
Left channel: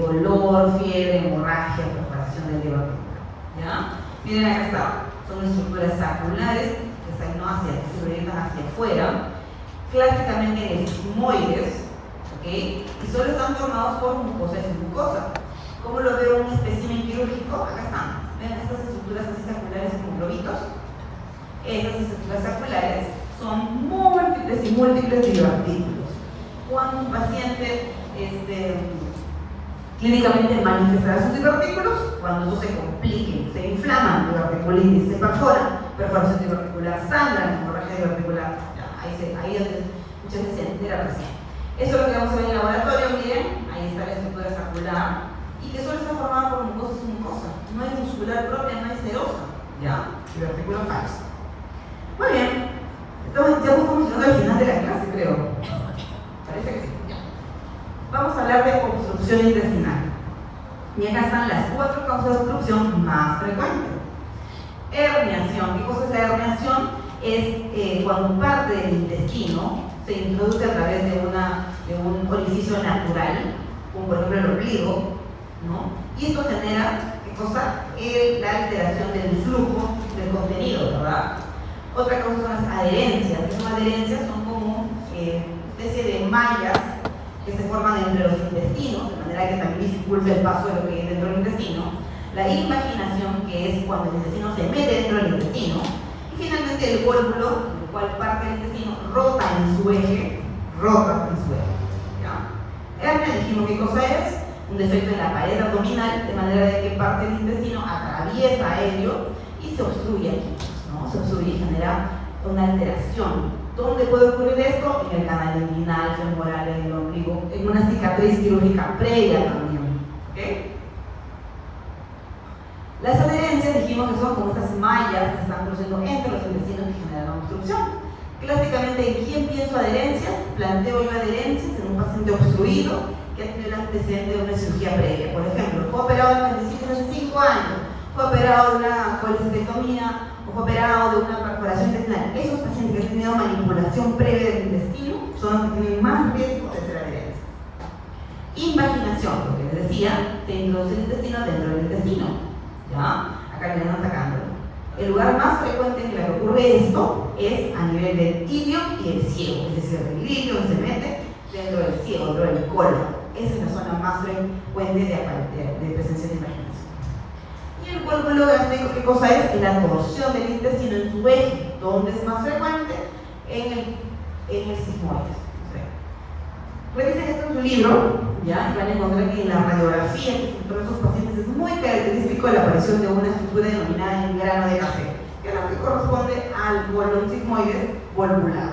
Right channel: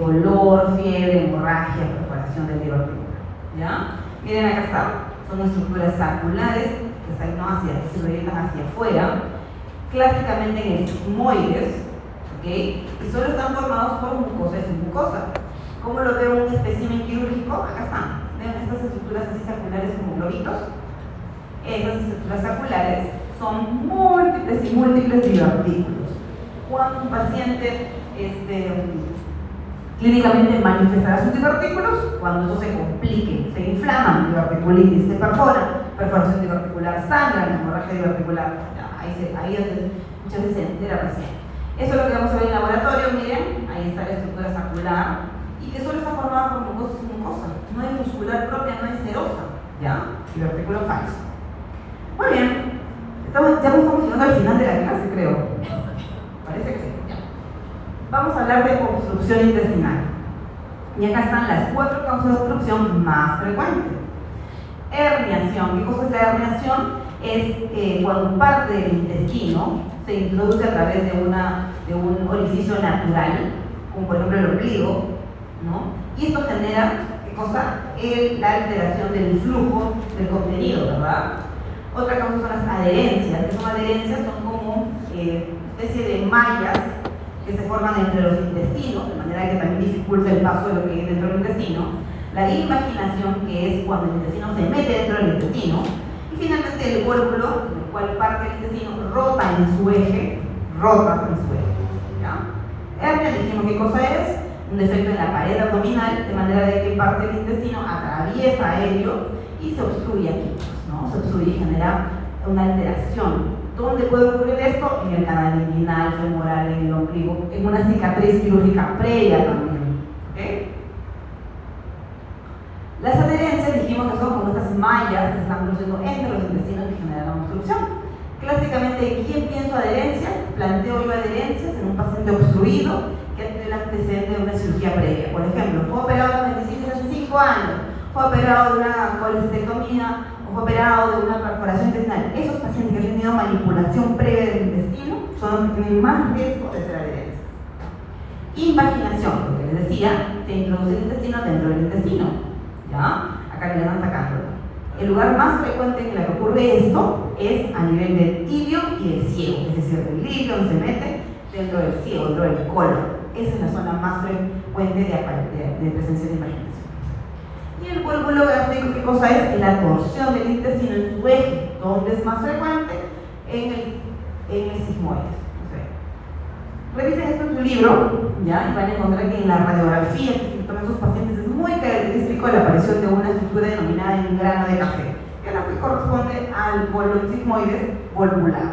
dolor, fiebre, hemorragia, propagación del divertículo. ¿Ya? Miren, acá está. Son estructuras saculares que se proyectan hacia afuera, clásicamente en sigmoides, ¿ok? Y solo están formados por mucosa y submucosa. ¿Cómo lo veo en un espécimen quirúrgico? Acá están. ¿Ven estas estructuras así saculares como globitos? Estas estructuras saculares son múltiples y múltiples divertículos. Cuando un paciente clínicamente manifestará sus divertículos, cuando eso se complique, se inflaman, diverticulitis, se perforan, perforación diverticular, sangra, hemorragia diverticular, ahí es donde muchas veces se entera entera recién. Eso es lo que vamos a ver en el laboratorio, miren, ahí está la estructura escapular, y que solo está formada por mucosa, no es muscular propia, no es serosa, ¿ya? Y artículo falso. Muy bien, ya nos estamos llegando al final de la clase, creo. Parece que sí, ya. Vamos a hablar de obstrucción intestinal. Y acá están las 4 causas de obstrucción más frecuentes. Herniación. ¿Qué cosa es la herniación? Es cuando parte del intestino se introduce a través de un orificio natural, como por ejemplo el ombligo, ¿no? Y esto genera, ¿qué cosa? La alteración del flujo del contenido, ¿verdad? Otra causa son las adherencias. ¿Qué son adherencias? Son como especie de mallas que se forman entre los intestinos, de manera que también dificulta el paso de lo que hay dentro del intestino. La invaginación, que es cuando el intestino se mete dentro del intestino. Y finalmente el cólculo, el cual parte del intestino rota en su eje. ¿Ya? Hernia, dijimos qué cosa es, un defecto en la pared abdominal, de manera de que parte del intestino atraviesa ello y se obstruye aquí, ¿no? Se obstruye y genera una alteración. ¿Dónde puede ocurrir esto? En el canal inguinal, femoral, en el ombligo, en una cicatriz quirúrgica previa también. ¿Okay? Las adherencias dijimos que son como estas mallas que se están produciendo entre los intestinos y generan una obstrucción. Clásicamente, ¿quién pienso adherencias? Planteo yo adherencias en un paciente obstruido que ha tenido el antecedente de una cirugía previa. Por ejemplo, fue operado de apendicitis hace 5 años, fue operado de una colecistectomía, o fue operado de una perforación intestinal. Esos pacientes que han tenido manipulación previa del intestino son los que tienen más riesgo de ser adherencias. Invaginación, lo que les decía, se introduce el intestino dentro del intestino. ¿Ya? Acá me van sacando. El lugar más frecuente en el que ocurre esto es a nivel del ilio y el ciego, es decir, el ilio se mete dentro del ciego, dentro del colon. Esa es la zona más frecuente de presencia de invaginación. Y el cálculo gástrico, ¿qué cosa es? La torsión del intestino en su eje. ¿Dónde es más frecuente? En el sigmoides. Revisen esto en su libro, ¿ya? Y van a encontrar que en la radiografía que se toman estos pacientes es muy característico la aparición de una estructura denominada en grano de café, que es lo que corresponde al colon sigmoides volvular.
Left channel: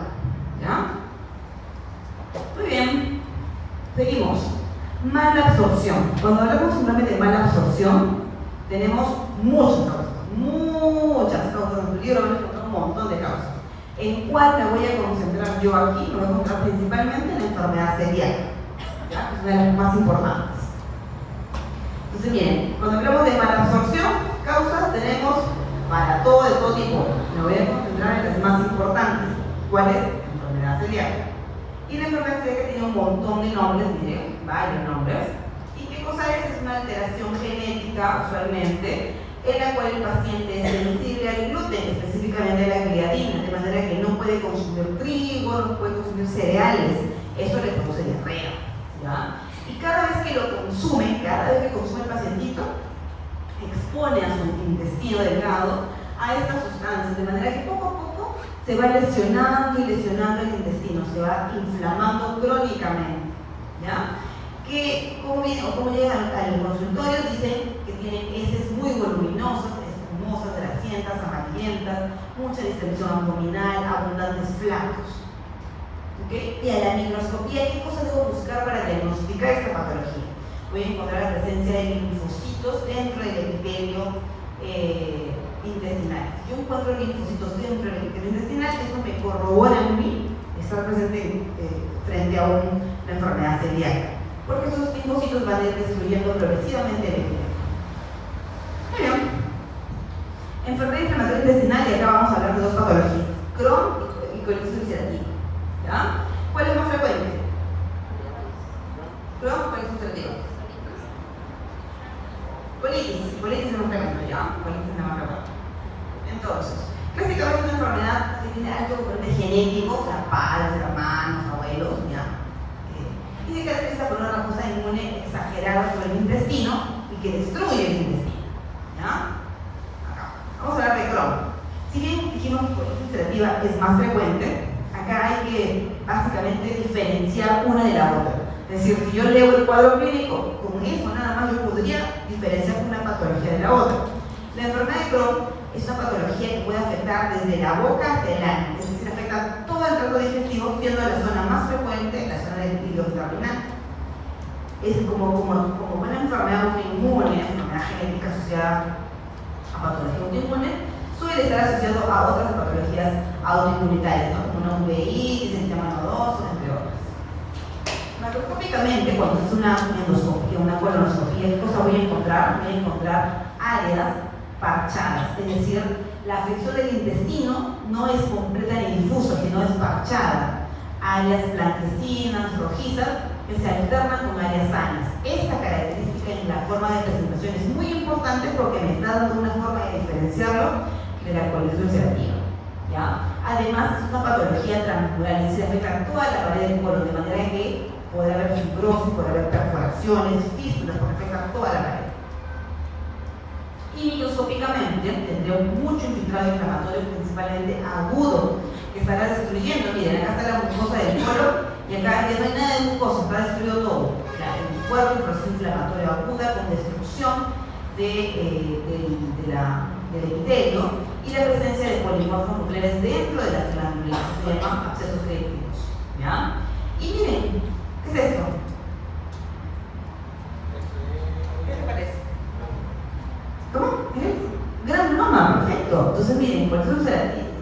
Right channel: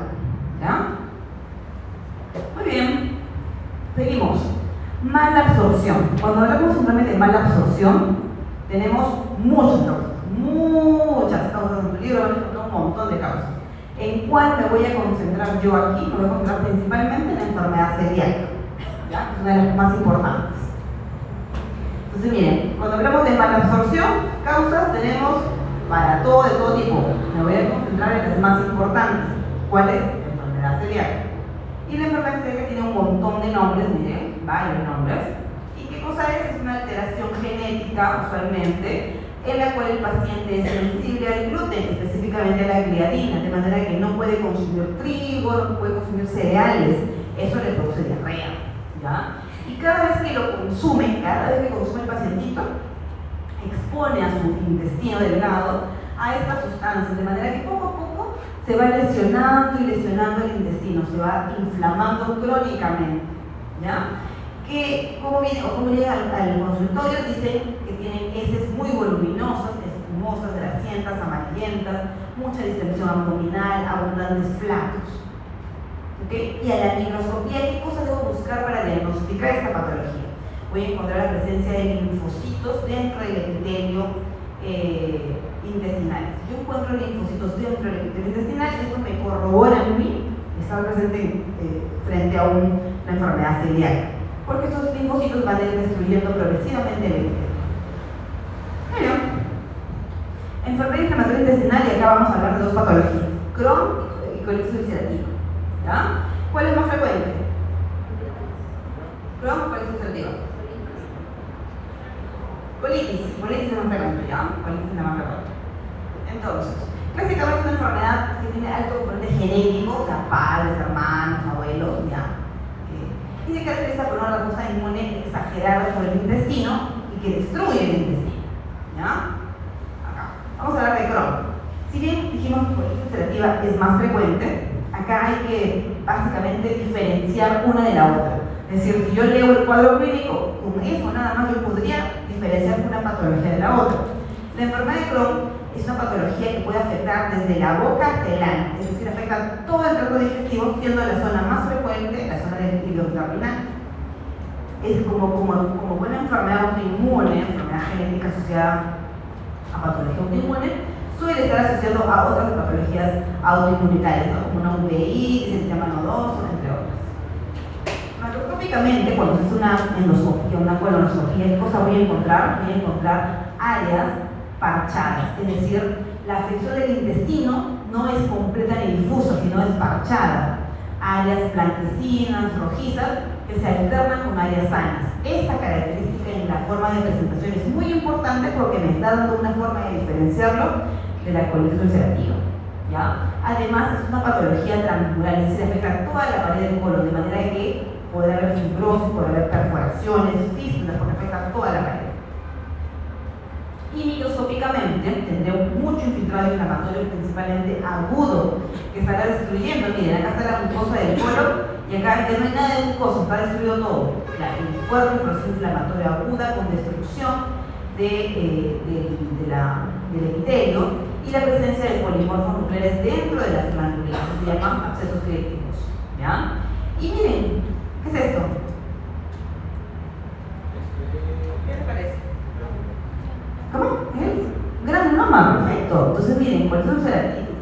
¿Ya? Muy bien, seguimos. Mala absorción. Cuando hablamos simplemente de mala absorción, tenemos muchas causas. En tu libro van a encontrar un montón de causas. ¿En cuál me voy a concentrar yo aquí? Me voy a concentrar principalmente en la enfermedad celíaca, ¿ya? Es una de las más importantes. Entonces, miren, cuando hablamos de mala absorción, causas tenemos para todo, de todo tipo. Me voy a concentrar en las más importantes. ¿Cuál es? La enfermedad celíaca. Y la enfermedad celíaca tiene un montón de nombres, miren, varios nombres. ¿Y qué cosa es? Es una alteración genética, usualmente, en la cual el paciente es sensible al gluten, específicamente a la gliadina, de manera que no puede consumir trigo, no puede consumir cereales. Eso le produce diarrea, ¿ya? Y cada vez que lo consume, el pacientito, expone a su intestino delgado a estas sustancias, de manera que poco a poco se va lesionando y lesionando el intestino, se va inflamando crónicamente, ¿ya? Que como llegan al consultorio, dicen que tienen heces muy voluminosas, espumosas, grasientas, amarillentas, mucha distensión abdominal, abundantes flatos. ¿Okay? Y a la microscopía, ¿qué cosa debo buscar para diagnosticar esta patología? Voy a encontrar la presencia de linfocitos dentro del epitelio intestinal. Si yo encuentro linfocitos dentro del epitelio intestinal, eso me corrobora a mí estar presente frente a una enfermedad celíaca, porque esos linfocitos van a ir destruyendo progresivamente el epitelio. Bueno, enfermedad inflamatoria intestinal, y acá vamos a hablar de 2 patologías, Crohn y colitis ulcerativa. ¿Ya? ¿Cuál es más frecuente? Crohn o colitis ulcerativa. Colitis es más frecuente, ¿ya? Colitis es la más frecuente. Entonces, clásicamente es una enfermedad que tiene alto componente genético, o sea, padres, hermanos, abuelos, ¿ya? Y se caracteriza por una respuesta inmune exagerada sobre el intestino y que destruye el intestino, ¿ya? Acá. Vamos a hablar de Crohn. Si bien dijimos que colitis ulcerativa es más frecuente, acá hay que básicamente diferenciar una de la otra. Es decir, si yo leo el cuadro clínico, con eso nada más yo podría diferenciar una patología de la otra. La enfermedad de Crohn es una patología que puede afectar desde la boca hasta el ano, es decir, afecta todo el tracto digestivo, siendo la zona más frecuente terminal. Es como una enfermedad autoinmune, enfermedad genética asociada a patología autoinmune, suele estar asociado a otras patologías autoinmunitarias, ¿no? Como una UVI, sistema nodoso, entre otras. Macroscópicamente, cuando se hace una endoscopia, una colonoscopia, ¿qué cosa voy a encontrar? Voy a encontrar áreas parchadas, es decir, la afección del intestino no es completa ni difusa, sino es parchada. Áreas blanquecinas, rojizas, que se alternan con áreas sanas. Esta característica en la forma de presentación es muy importante porque me está dando una forma de diferenciarlo de la colitis ulcerativa, ¿ya? Además, es una patología transmural, es decir, afecta toda la pared del colon, de manera que podrá haber fibrosis, podrá haber perforaciones, fístulas, porque afecta toda la pared. Y microscópicamente tendré mucho infiltrado inflamatorio, principalmente agudo, que estará destruyendo. Miren, acá está la mucosa del colon y acá ya no hay nada de mucosa, está destruido todo. El cuerpo, el proceso inflamatorio aguda con destrucción del epitelio y la presencia de polimorfos nucleares dentro de las glándulas, se llaman abscesos crípticos, ¿ya? Y miren, ¿qué es esto? ¿Qué les parece? ¿Cómo? ¿Es? Granuloma, perfecto. Entonces miren, por eso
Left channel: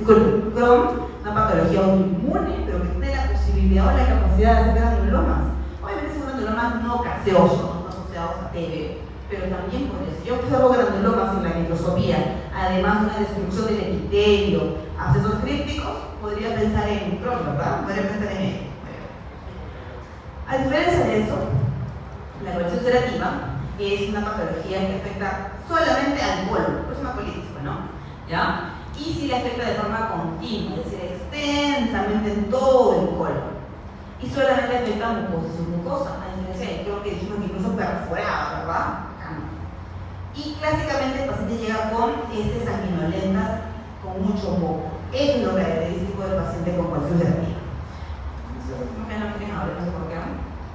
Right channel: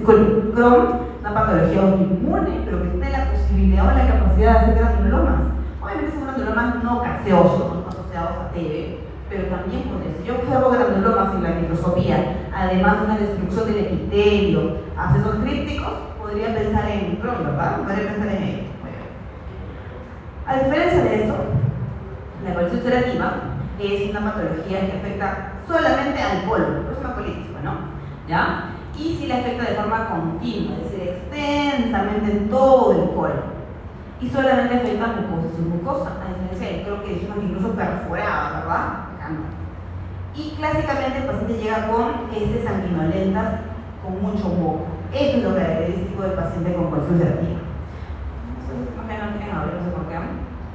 con Crohn, una patología autoinmune, pero que tiene la posibilidad o la capacidad de hacer granulomas. Obviamente son granulomas no caseosos, no asociados a TB, pero también por eso. Yo observo granulomas en la microscopía, además de una destrucción del epitelio, abscesos crípticos, podría pensar en Crohn, ¿verdad? Podría pensar en ello. A diferencia de esto, la colitis ulcerativa es una patología que afecta solamente al colon, es una colitis, ¿no? ¿Ya? Y si le afecta de forma continua, es decir, extensamente en todo el colon. Y solamente afecta a mucosa y mucosa, a diferencia de creo que dijimos que incluso perforada, ¿verdad? Acá no. Y clásicamente el paciente llega con heces sanguinolentas con mucho moco. Eso es lo característico del paciente con colitis ulcerativa.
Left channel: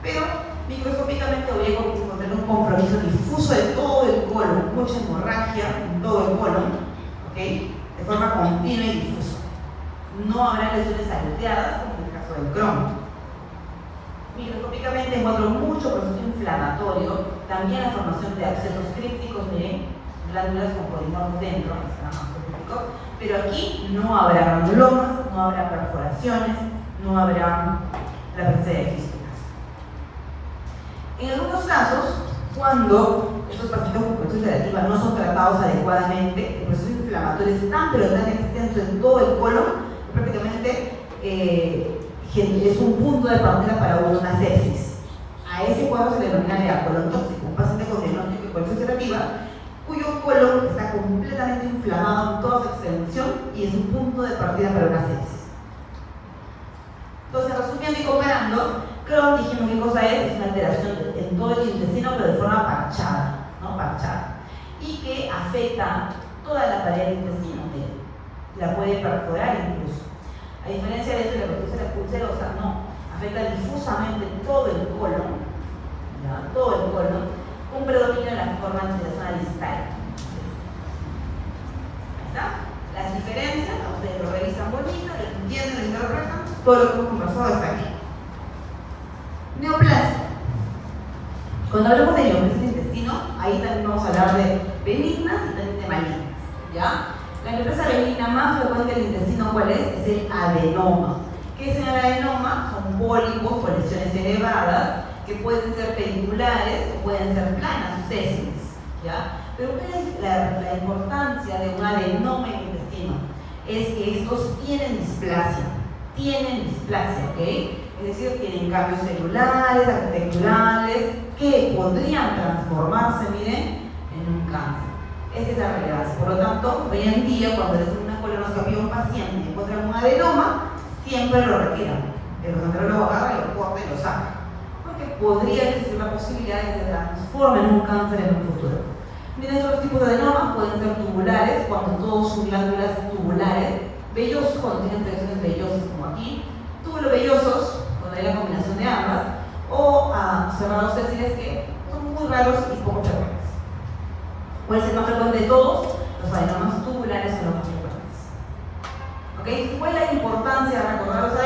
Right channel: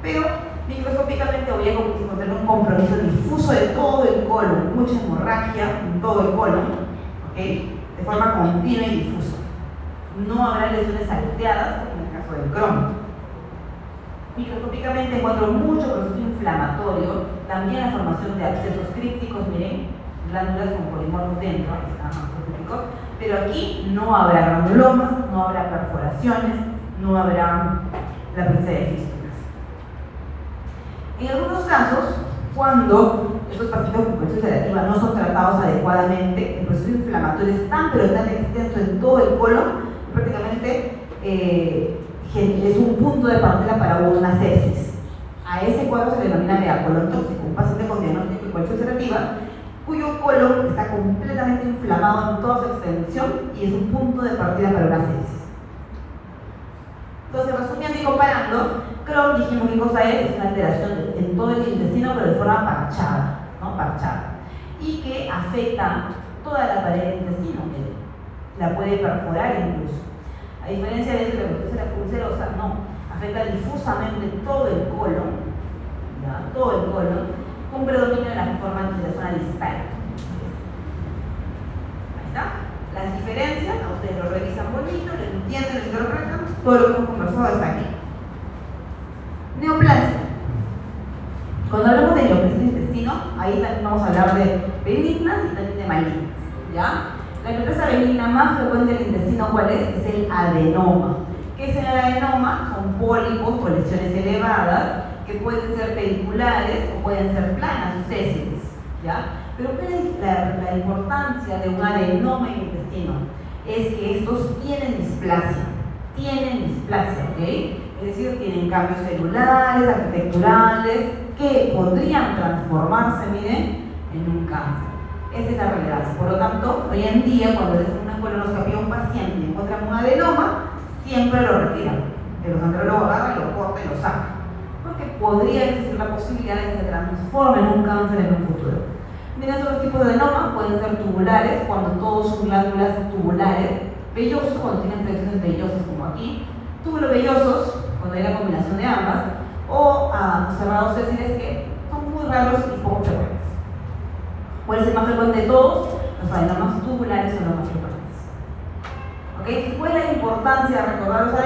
Pero microscópicamente voy a encontrar un compromiso difuso de todo el colon, mucha hemorragia en todo el colon, ¿okay? De forma continua y difusa. No habrá lesiones salteadas, como en el caso del Crohn. Microscópicamente encuentro mucho proceso inflamatorio, también la formación de abscesos crípticos, miren, glándulas con polimorfos dentro, pero aquí no habrá granulomas, no habrá perforaciones, no habrá la presencia de fístulas. En algunos casos, cuando estos pacientes con colitis ulcerativa no son tratados adecuadamente, el proceso inflamatorio es tan pero tan extenso en todo el colon, prácticamente es un punto de partida para una sepsis. A ese cuadro se le denomina colon tóxico, un paciente con diagnóstico de colitis ulcerativa cuyo colon está completamente inflamado en toda su extensión y es un punto de partida para una sepsis. Entonces, resumiendo y comparando, Crohn, dijimos qué cosa es una alteración en todo el intestino, pero de forma parchada, ¿no? Parchada. Y que afecta toda la pared del intestino, que la puede perforar incluso. A diferencia de eso, la colitis ulcerosa no, afecta difusamente todo el colon, ¿ya? Todo el colon, con predominio en la forma de la zona distal. Ahí está. Las diferencias, ustedes lo revisan bonito, lo entienden, lo interpretan, todo lo que hemos conversado está aquí. Neoplasia. Cuando hablamos de neoplasia del intestino, ahí también vamos a hablar de benignas y también de malignas, ¿ya? La neoplasia benigna más frecuente del intestino, ¿cuál es? Es el adenoma. ¿Qué es el adenoma? Son pólipos con lesiones elevadas que pueden ser pediculares o pueden ser planas o sésiles, ¿ya? Pero ¿cuál es la importancia de un adenoma en el intestino? Es que estos tienen displasia, ¿ok? Es decir, tienen cambios celulares, arquitecturales, que podrían transformarse, miren, en un cáncer. Esa es la relevancia. Por lo tanto, hoy en día, cuando le hacen una colonoscopia a un paciente y encuentran un adenoma, siempre lo retiran. El gastroenterólogo agarra, lo corta y lo saca. Porque podría existir la posibilidad de que se transforme en un cáncer en un futuro. Miren, otros tipos de adenomas pueden ser tubulares, cuando todos son glándulas tubulares, vellosos, cuando tienen proyecciones vellosas como aquí, tubulovellosos, cuando hay la combinación de ambas, o llamados sésiles, que son muy raros y poco frecuentes. Puede ser más frecuente de todos, los adenomas tubulares son los más frecuentes. ¿Ok? ¿Cuál es la importancia de recordar los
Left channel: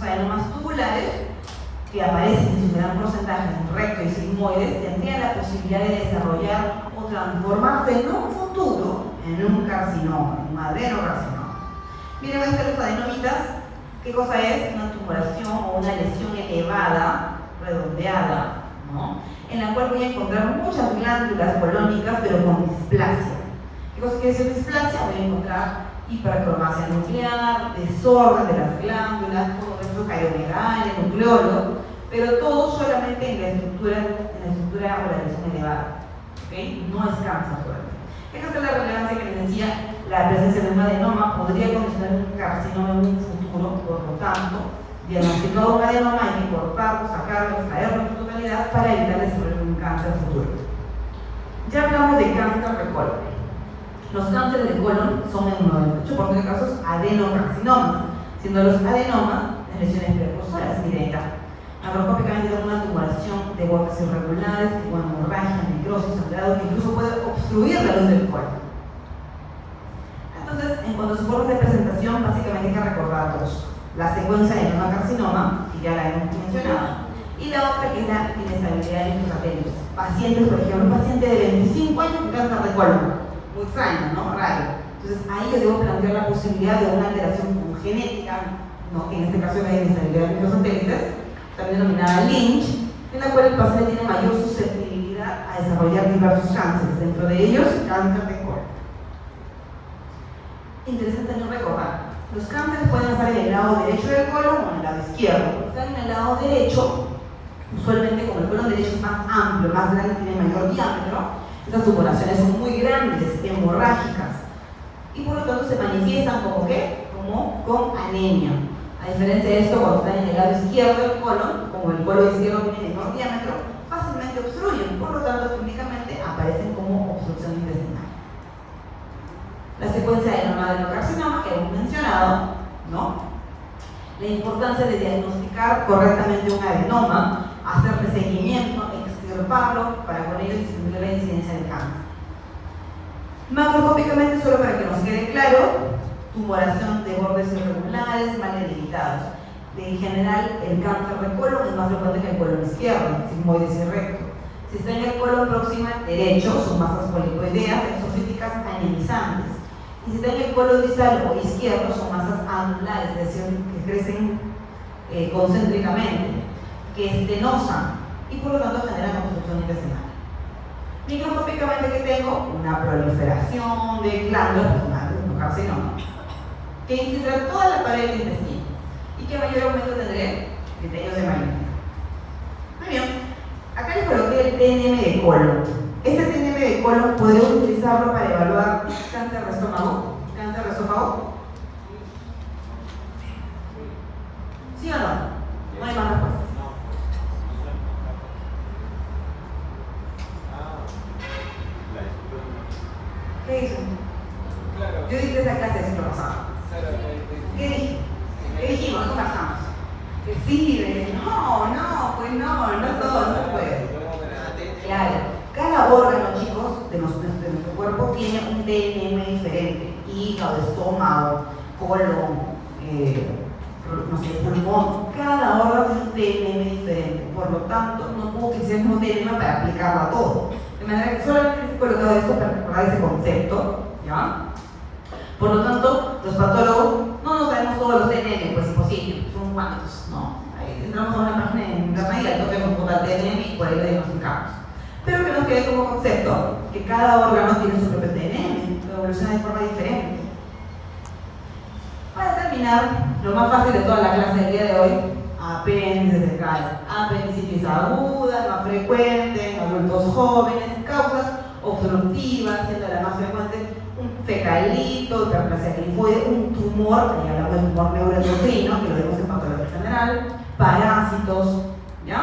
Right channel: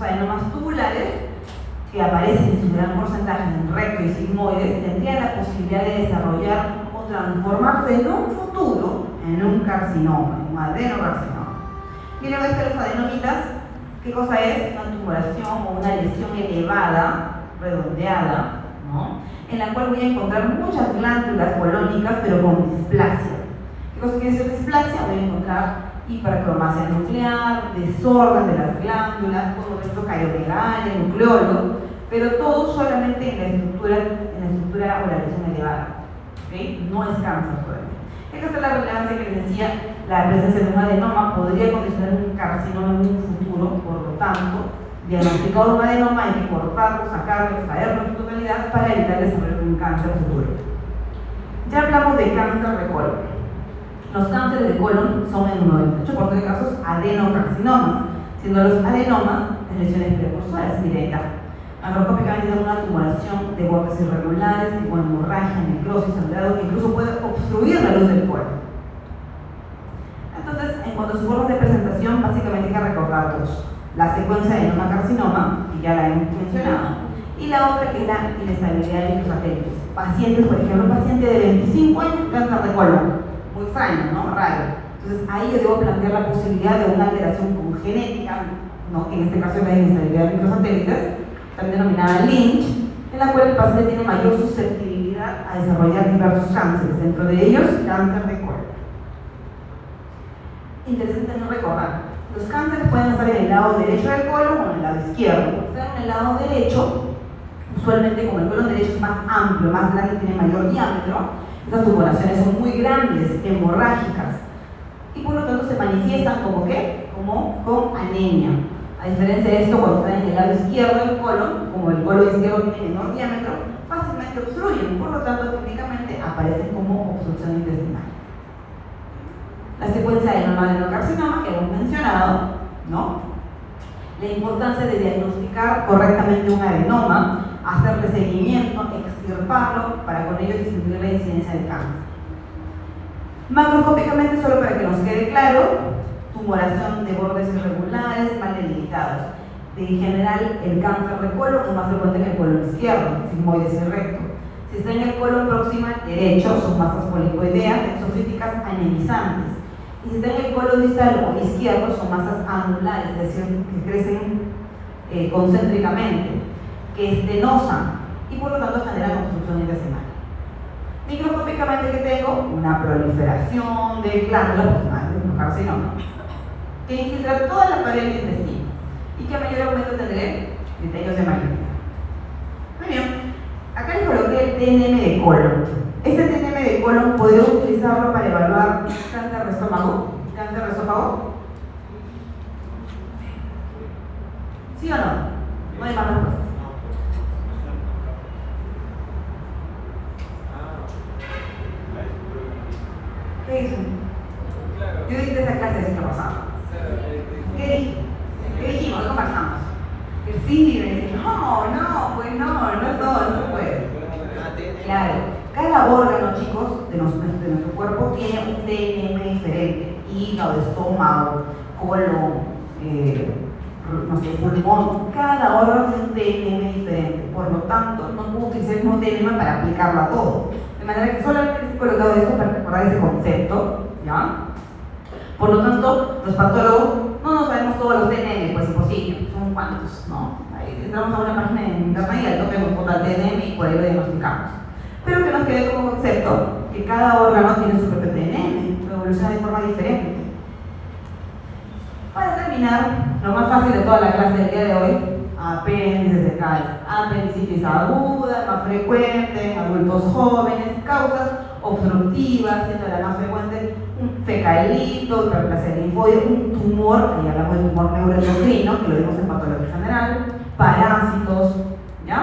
adenomas tubulares? que aparecen en su gran porcentaje en recto y sigmoides tendrían la posibilidad de desarrollar o transformarse en un futuro en un carcinoma, un adenocarcinoma. Miren, los adenomitas, ¿qué cosa es? Una tumoración o una lesión elevada, redondeada, ¿no? En la cual voy a encontrar muchas glándulas colónicas, pero con displasia. ¿Qué cosa quiere decir displasia? Voy a encontrar hipercromasia nuclear, desorden de las glándulas, todo esto cariolegal, el nucleolo, pero todo solamente en la estructura o la lesión elevada. ¿Okay? No es cáncer todavía. Esta es la relevancia que les decía, la presencia de un adenoma podría condicionar un carcinoma en un futuro, por lo tanto, diagnosticado un adenoma hay que cortarlo, sacarlo, extraerlo en su totalidad para evitar desarrollar un cáncer futuro. Ya hablamos de cáncer de colon. Los cánceres de colon son en 98% de casos adenocarcinomas, siendo los adenomas de lesiones precursores. Miren acá. Macroscópicamente son una tumoración de bordes irregulares, tipo hemorragia, necrosis, sangrado, que incluso puede obstruir la luz del colon. Entonces, en cuanto a sus formas de presentación, básicamente hay que recordar dos. La secuencia de adenocarcinoma, que ya la hemos mencionado, y la otra que es la inestabilidad de los satélites. Pacientes, por ejemplo, un paciente de 25 años con cáncer de colon. Muy extraño, ¿no? Raro. Entonces, ahí yo debo plantear la posibilidad de una alteración congénica, ¿no? En este caso la inestabilidad de los satélites, también denominada Lynch, en la cual el paciente tiene mayor susceptibilidad a desarrollar diversos cánceres, dentro de ellos cáncer de colon. Interesante no recordar, los cánceres pueden estar en el lado derecho del colon o en el lado izquierdo. Estar en el lado derecho, usualmente como el colon derecho es más amplio, más grande, tiene mayor diámetro, estas tumoraciones son muy grandes, hemorrágicas, y por lo tanto se manifiestan como ¿qué? Como con anemia. A diferencia de esto, cuando están en el lado izquierdo del colon, como el colon izquierdo tiene menor diámetro, fácilmente obstruyen, por lo tanto, clínicamente aparecen como obstrucción intestinal. La secuencia de adenocarcinoma que hemos mencionado, ¿no? La importancia de diagnosticar correctamente un adenoma, hacerle seguimiento, extirparlo, para con ello disminuir la incidencia del cáncer. Macroscópicamente, solo para que nos quede claro, tumoración de bordes irregulares, mal delimitados. En general, el cáncer de colon es más frecuente en el colon izquierdo, sigmoides y recto. Si está en el colon próximo derecho, son masas policoideas, exofíticas, anemizantes. Y si está en el colon distal o izquierdo, son masas anulares, es decir, que crecen concéntricamente, que estenosan y por lo tanto generan obstrucción intestinal. Microscópicamente, que tengo una proliferación de glándulas, un carcinoma, que infiltra toda la pared del intestino y que a mayor aumento tendré criterios de malignidad. Muy bien, acá les coloqué el TNM de colon. Este TNM de colon podría utilizarlo para evaluar cáncer de estómago. ¿Cáncer de estómago? ¿Sí o no? No hay más respuestas. ¿Qué dicen? Yo dije esa clase de ciclo pasado. ¿Qué dijimos? ¿Cómo pasamos? Que sí, pues no todo se puede. Claro, cada órgano, chicos, de nuestro cuerpo tiene un TNM diferente. Hígado, estómago, colon, no sé, pulmón. Cada órgano tiene un TNM diferente. Por lo tanto, no puedo utilizar el mismo TNM para aplicarlo a todo. De manera que solamente estoy colocado esto para recordar ese concepto, ¿ya? Por lo tanto, los patólogos no sabemos todos los TNM, pues es imposible, son cuantos, ¿no? Ahí entramos a una página en internet y ahí toca un total TNM y por ahí lo diagnosticamos. Pero que nos quede como concepto que cada órgano tiene su propio TNM, que evoluciona de forma diferente. Para terminar, lo más fácil de toda la clase del día de hoy, apéndices de cáncer. Apendicitis aguda, más frecuente en adultos jóvenes, causas obstructivas, siendo la más frecuente un fecalito, hiperplasia linfoide, un tumor, ahí hablamos del tumor neuroendocrino, que lo vimos en patología general, parásitos, ¿ya?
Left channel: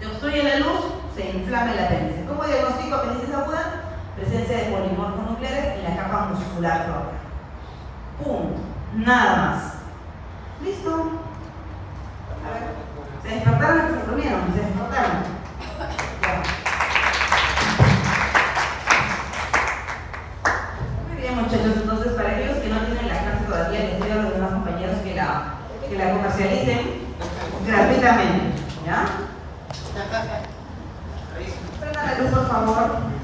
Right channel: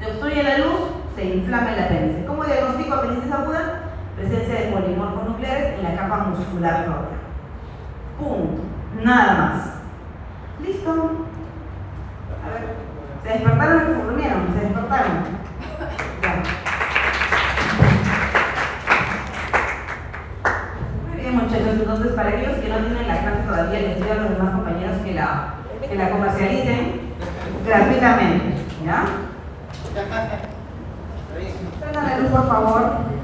Se obstruye la luz, se inflama el apéndice. ¿Cómo diagnostico apendicitis aguda? Presencia de polimorfos nucleares en la capa muscular del órgano. Punto. Nada más. ¿Listo? A ver, ¿se despertaron o se durmieron? ¿Se despertaron? Ya. Muy bien, muchachos, entonces para aquellos que no tienen la clase todavía, les pido a los demás compañeros que la comercialicen. gratuitamente, ¿ya? Por favor.